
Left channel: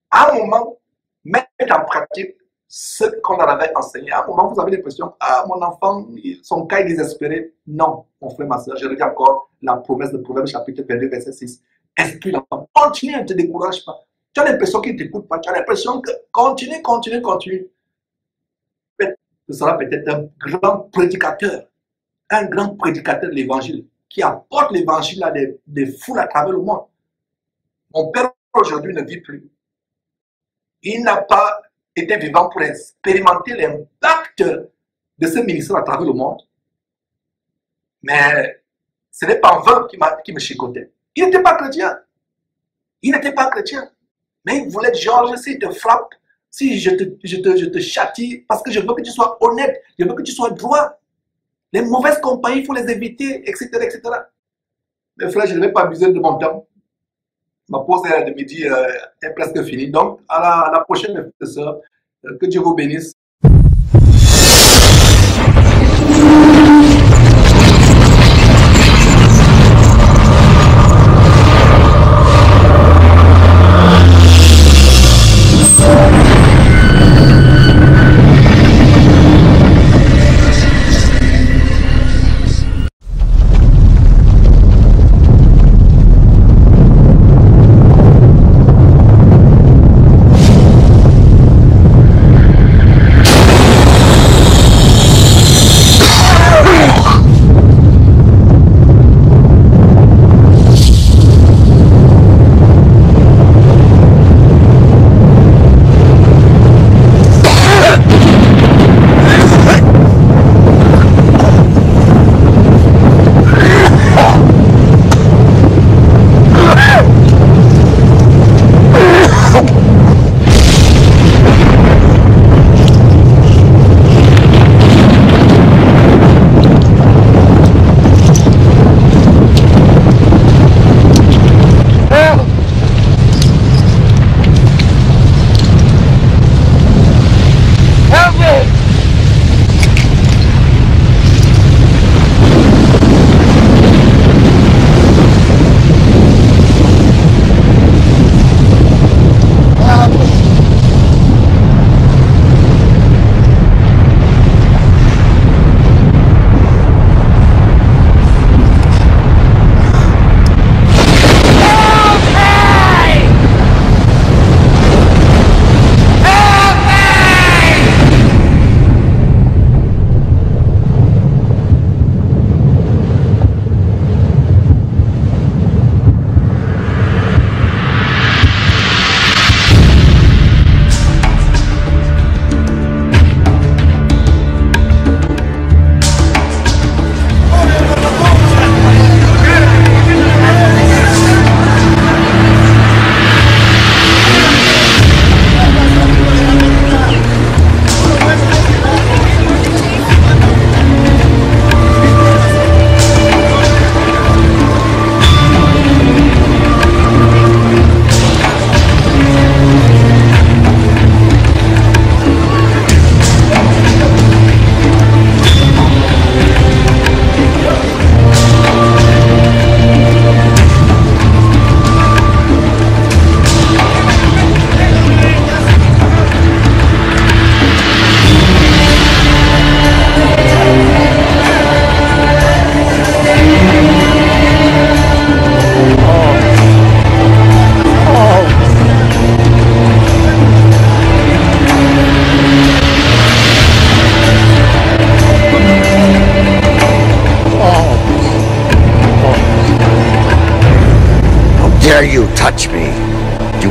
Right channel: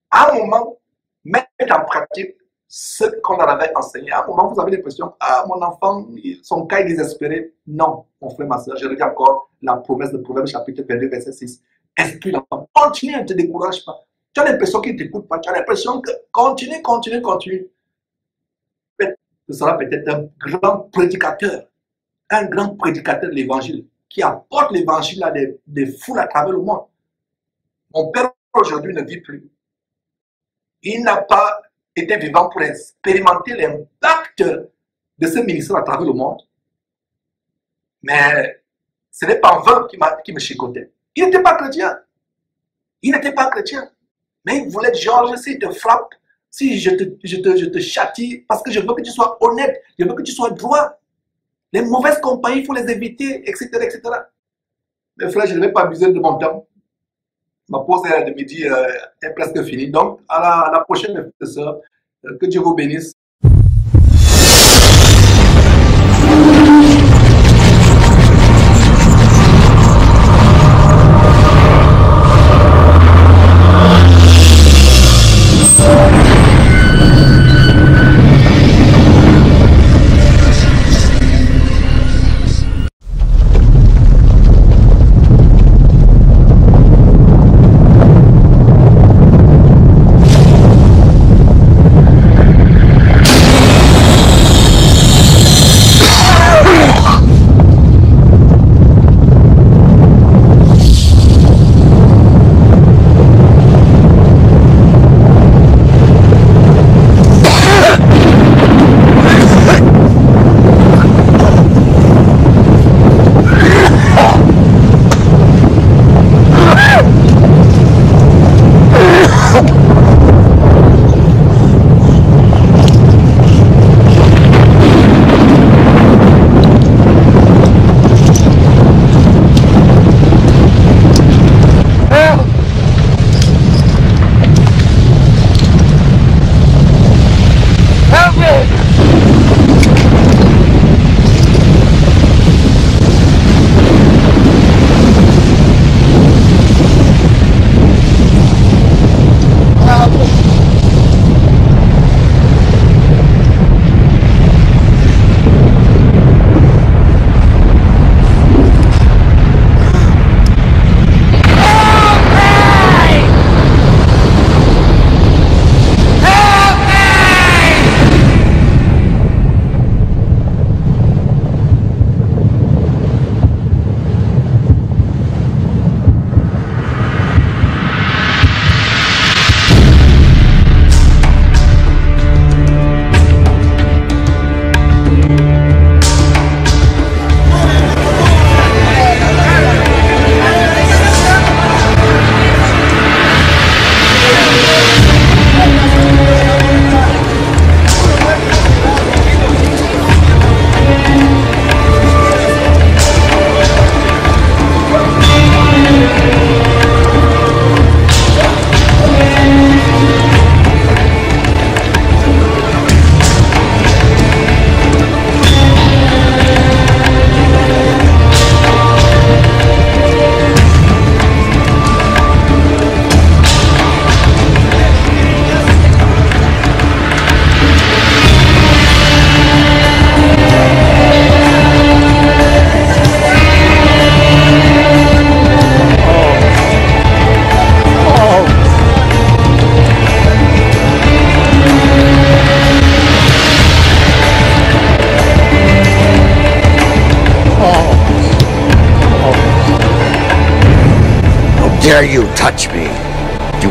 à un moment, mettent en pratique ce qu'on leur avait enseigné. À un moment, vous avez l'impression, ah, mon enfant, son cas est désespéré. Non, mon frère, ma soeur, je redis encore la promesse de Proverbe chapitre 22, verset 6. Instruis l'enfant. Continue, ne te décourage pas. Tu as l'impression qu'il ne t'écoute pas. Tu as l'impression que continue. Ce sera peut-être un grand prédicateur de l'évangile, qui apporte l'évangile à des foules à travers le monde. Mon père aujourd'hui ne vit plus. Il n'a pas été vivant pour expérimenter l'impact de ce ministère à travers le monde. Mais ce n'est pas en vain qui me chicotait. Il n'était pas chrétien. Mais il voulait, Georges, s'il te frappe, si je te châtie, parce que je veux que tu sois honnête, je veux que tu sois droit. Les mauvaises compagnies, il faut les éviter, etc., etc. Mes frères, je ne vais pas abuser de mon temps. Ma pause de midi est presque finie. Donc, à la prochaine, mes frères et sœurs. Que Dieu vous bénisse.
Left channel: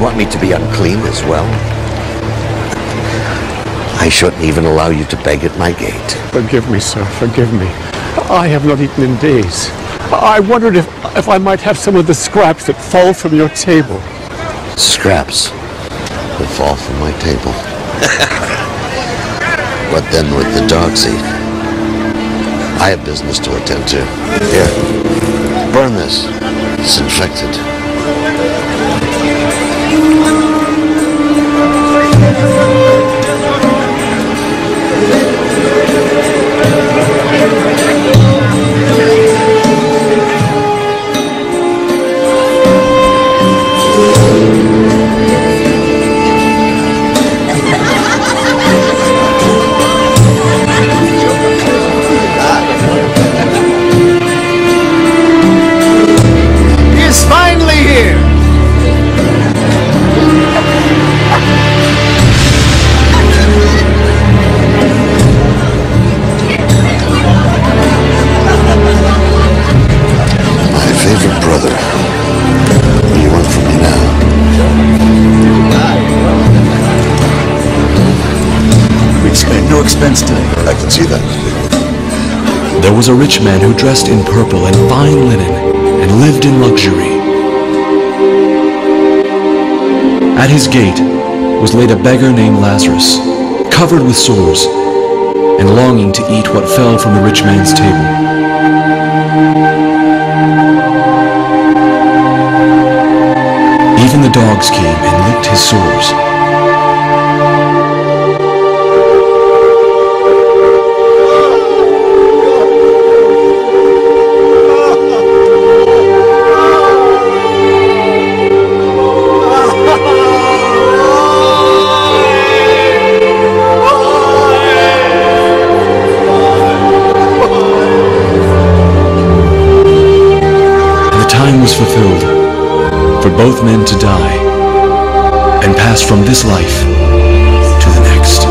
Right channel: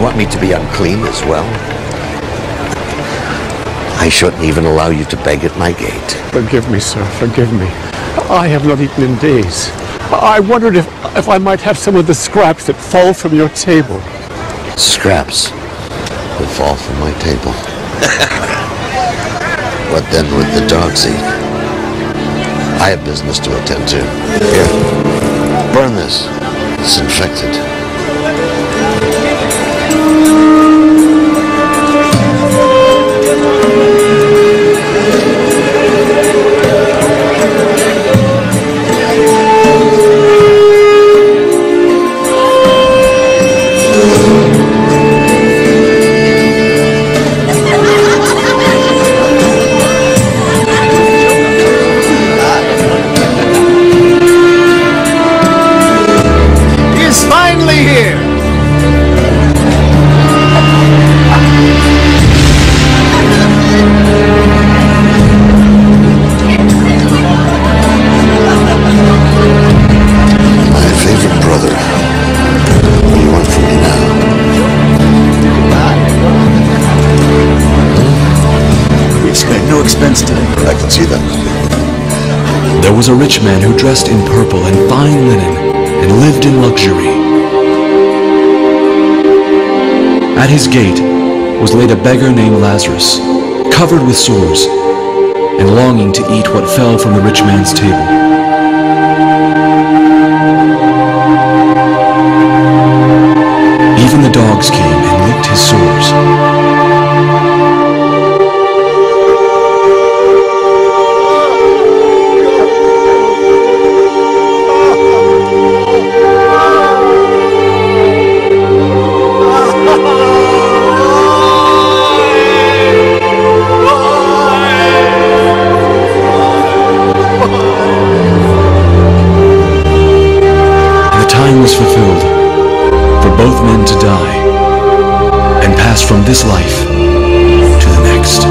You want me to be unclean as well? I shouldn't even allow you to beg at my gate. Forgive me, sir, forgive me. I have not eaten in days. I wondered if I might have some of the scraps that fall from your table. Scraps that fall from my table. What then would the dogs eat? I have business to attend to. Here, burn this. It's infected. I can see that. There was a rich man who dressed in purple and fine linen and lived in luxury. At his gate was laid a beggar named Lazarus, covered with sores and longing to eat what fell from the rich man's table. Even the dogs came and licked his sores. Fulfilled for both men to die and pass from this life to the next.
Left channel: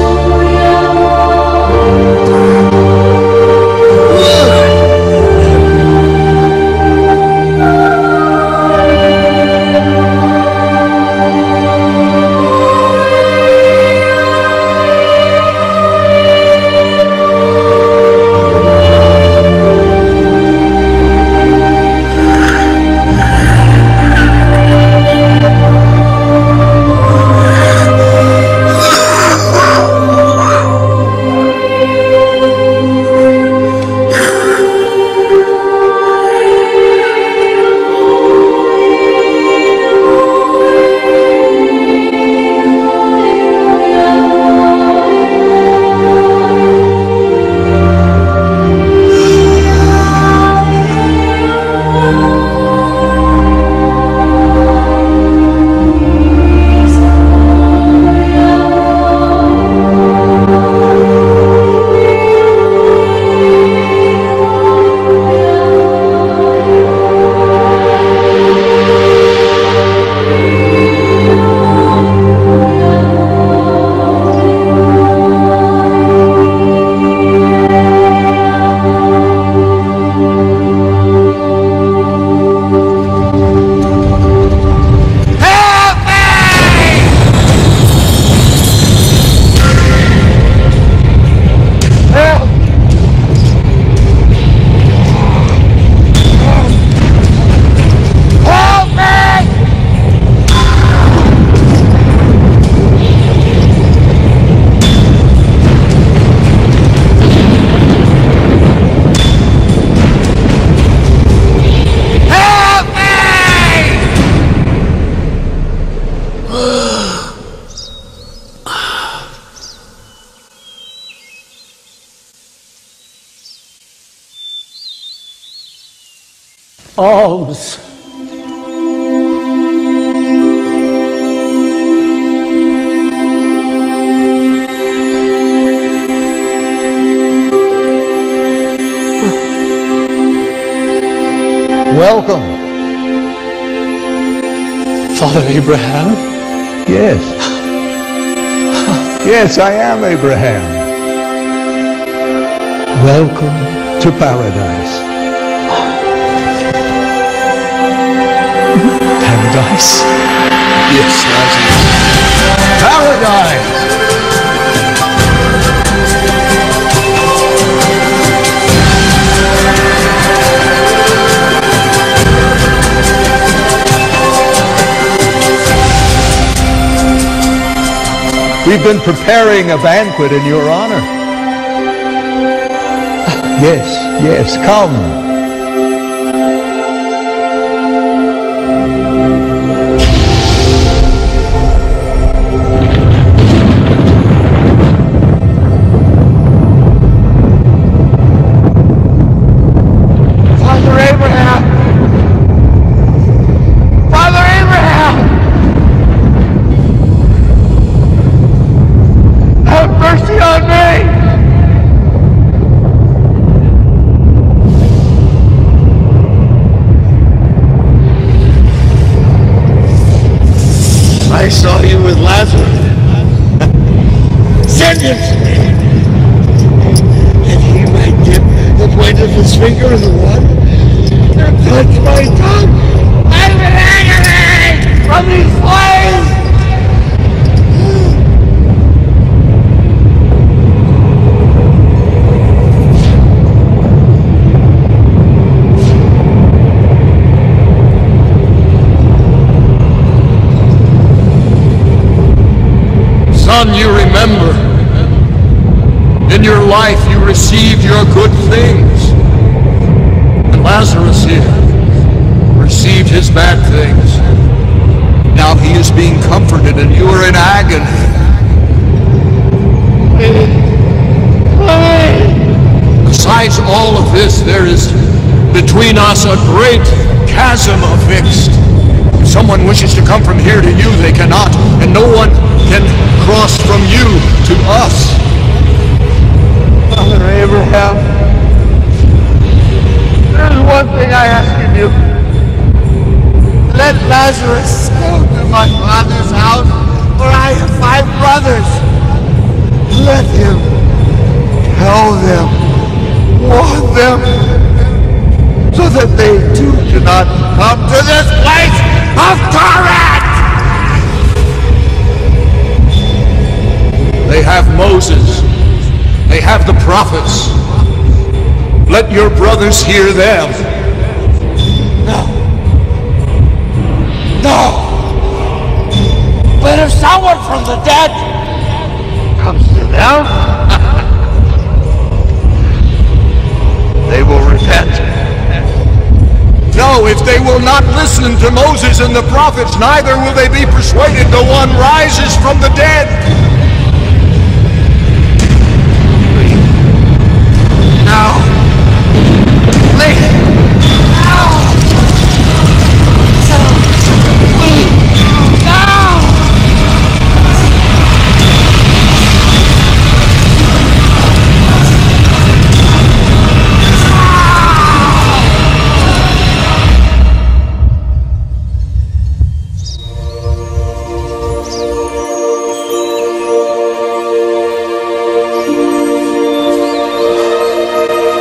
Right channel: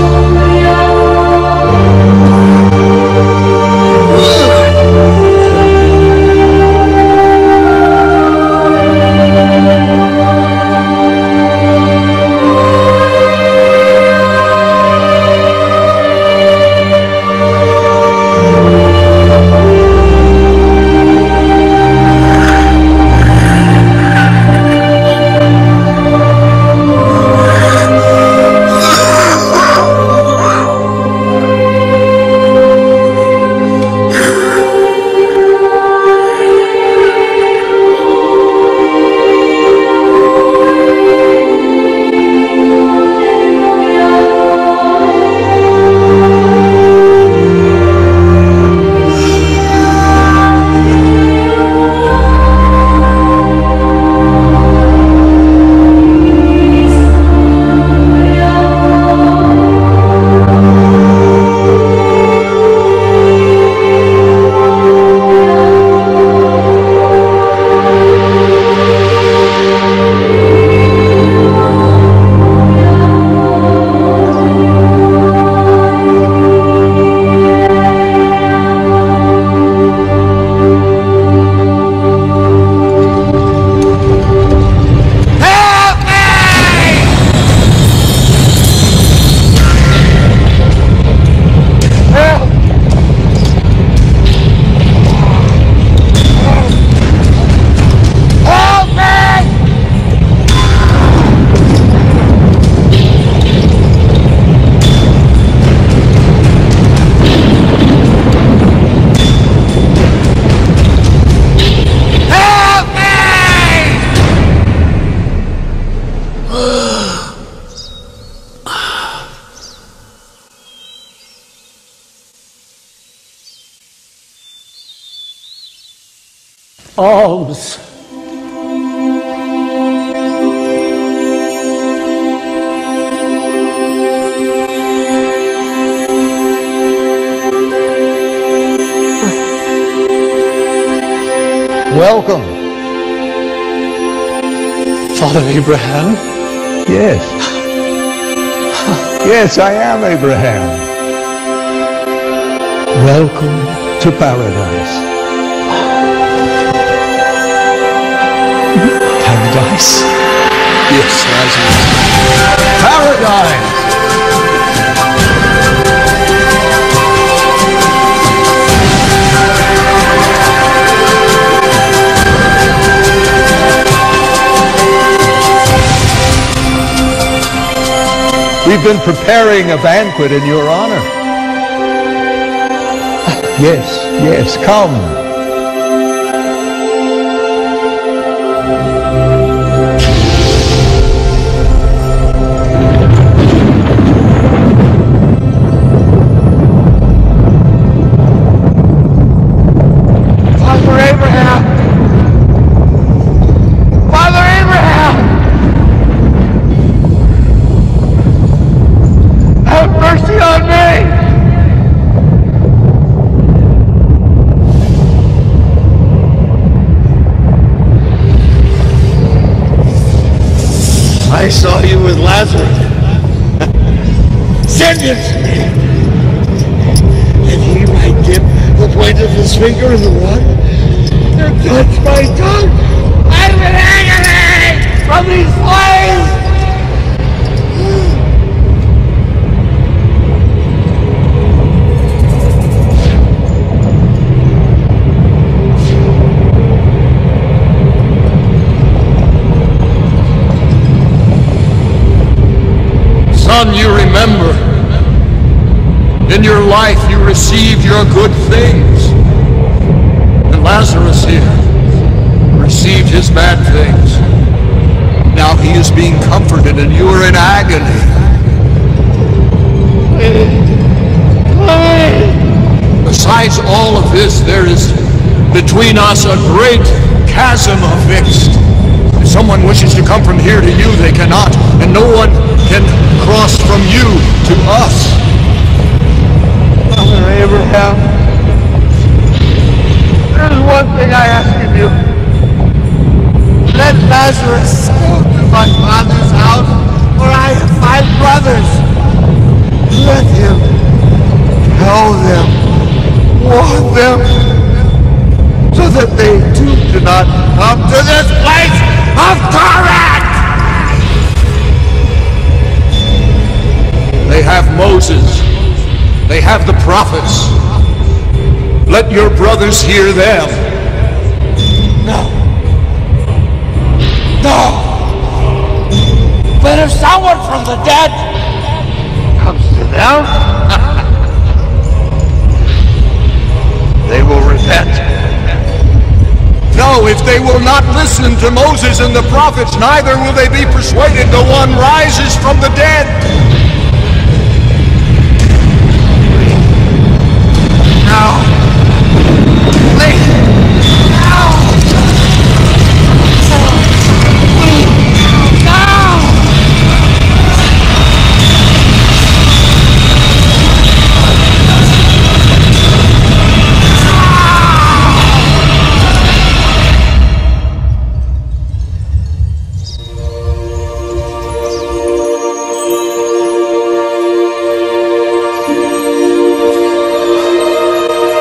Alms. Welcome. Father Abraham? Yes. Yes, I am Abraham. Welcome to paradise. Paradise? Yes, Lazarus. Paradise! We've been preparing a banquet in your honor. Yes, yes, come. Father Abraham! Father Abraham! Have mercy on me! I saw you with Lazarus. Send him to me, and he might dip the point of his finger in the water and touch my tongue. I've been agony from these flames. Son, you remember, in your life you received your good things, and Lazarus here received his bad things. Now he is being comforted and you are in agony. Besides all of this, there is between us a great chasm affixed. If someone wishes to come from here to you, they cannot, and no one can cross from you to us. Father Abraham, there's one thing I ask of you. Let Lazarus go to my father's house, for I have 5 brothers. Let him tell them, warn them, so that they too do not come to this place of torment! They have Moses. They have the prophets. Let your brothers hear them. No! But if someone from the dead comes to them, they will repent. No, if they will not listen to Moses and the prophets, neither will they be persuaded though one rises from the dead. Now, please.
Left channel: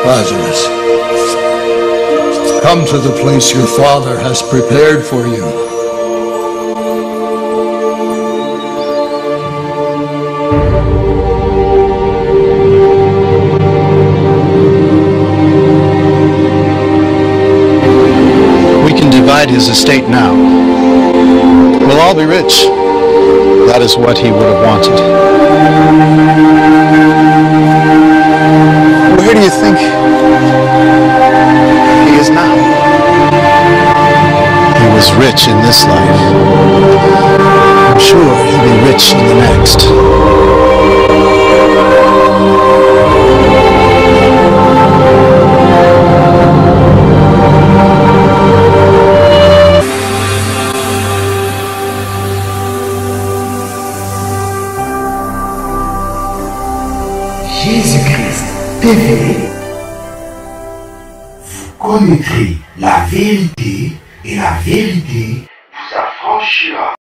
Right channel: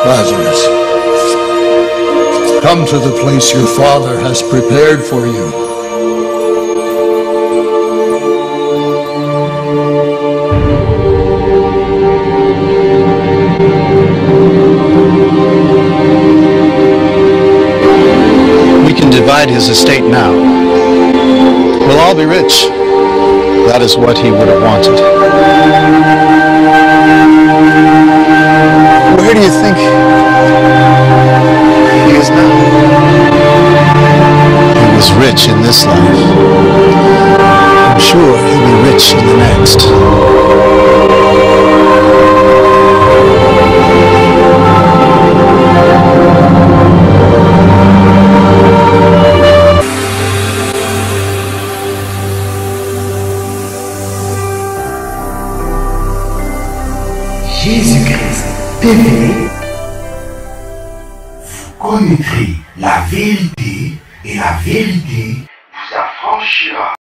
Lazarus, come to the place your father has prepared for you. We can divide his estate now. We'll all be rich. That is what he would have wanted. Where do you think he is now? He was rich in this life. I'm sure he'll be rich in the next. Jésus-Christ, révélé, vous connaîtrez la vérité et la vérité vous affranchira.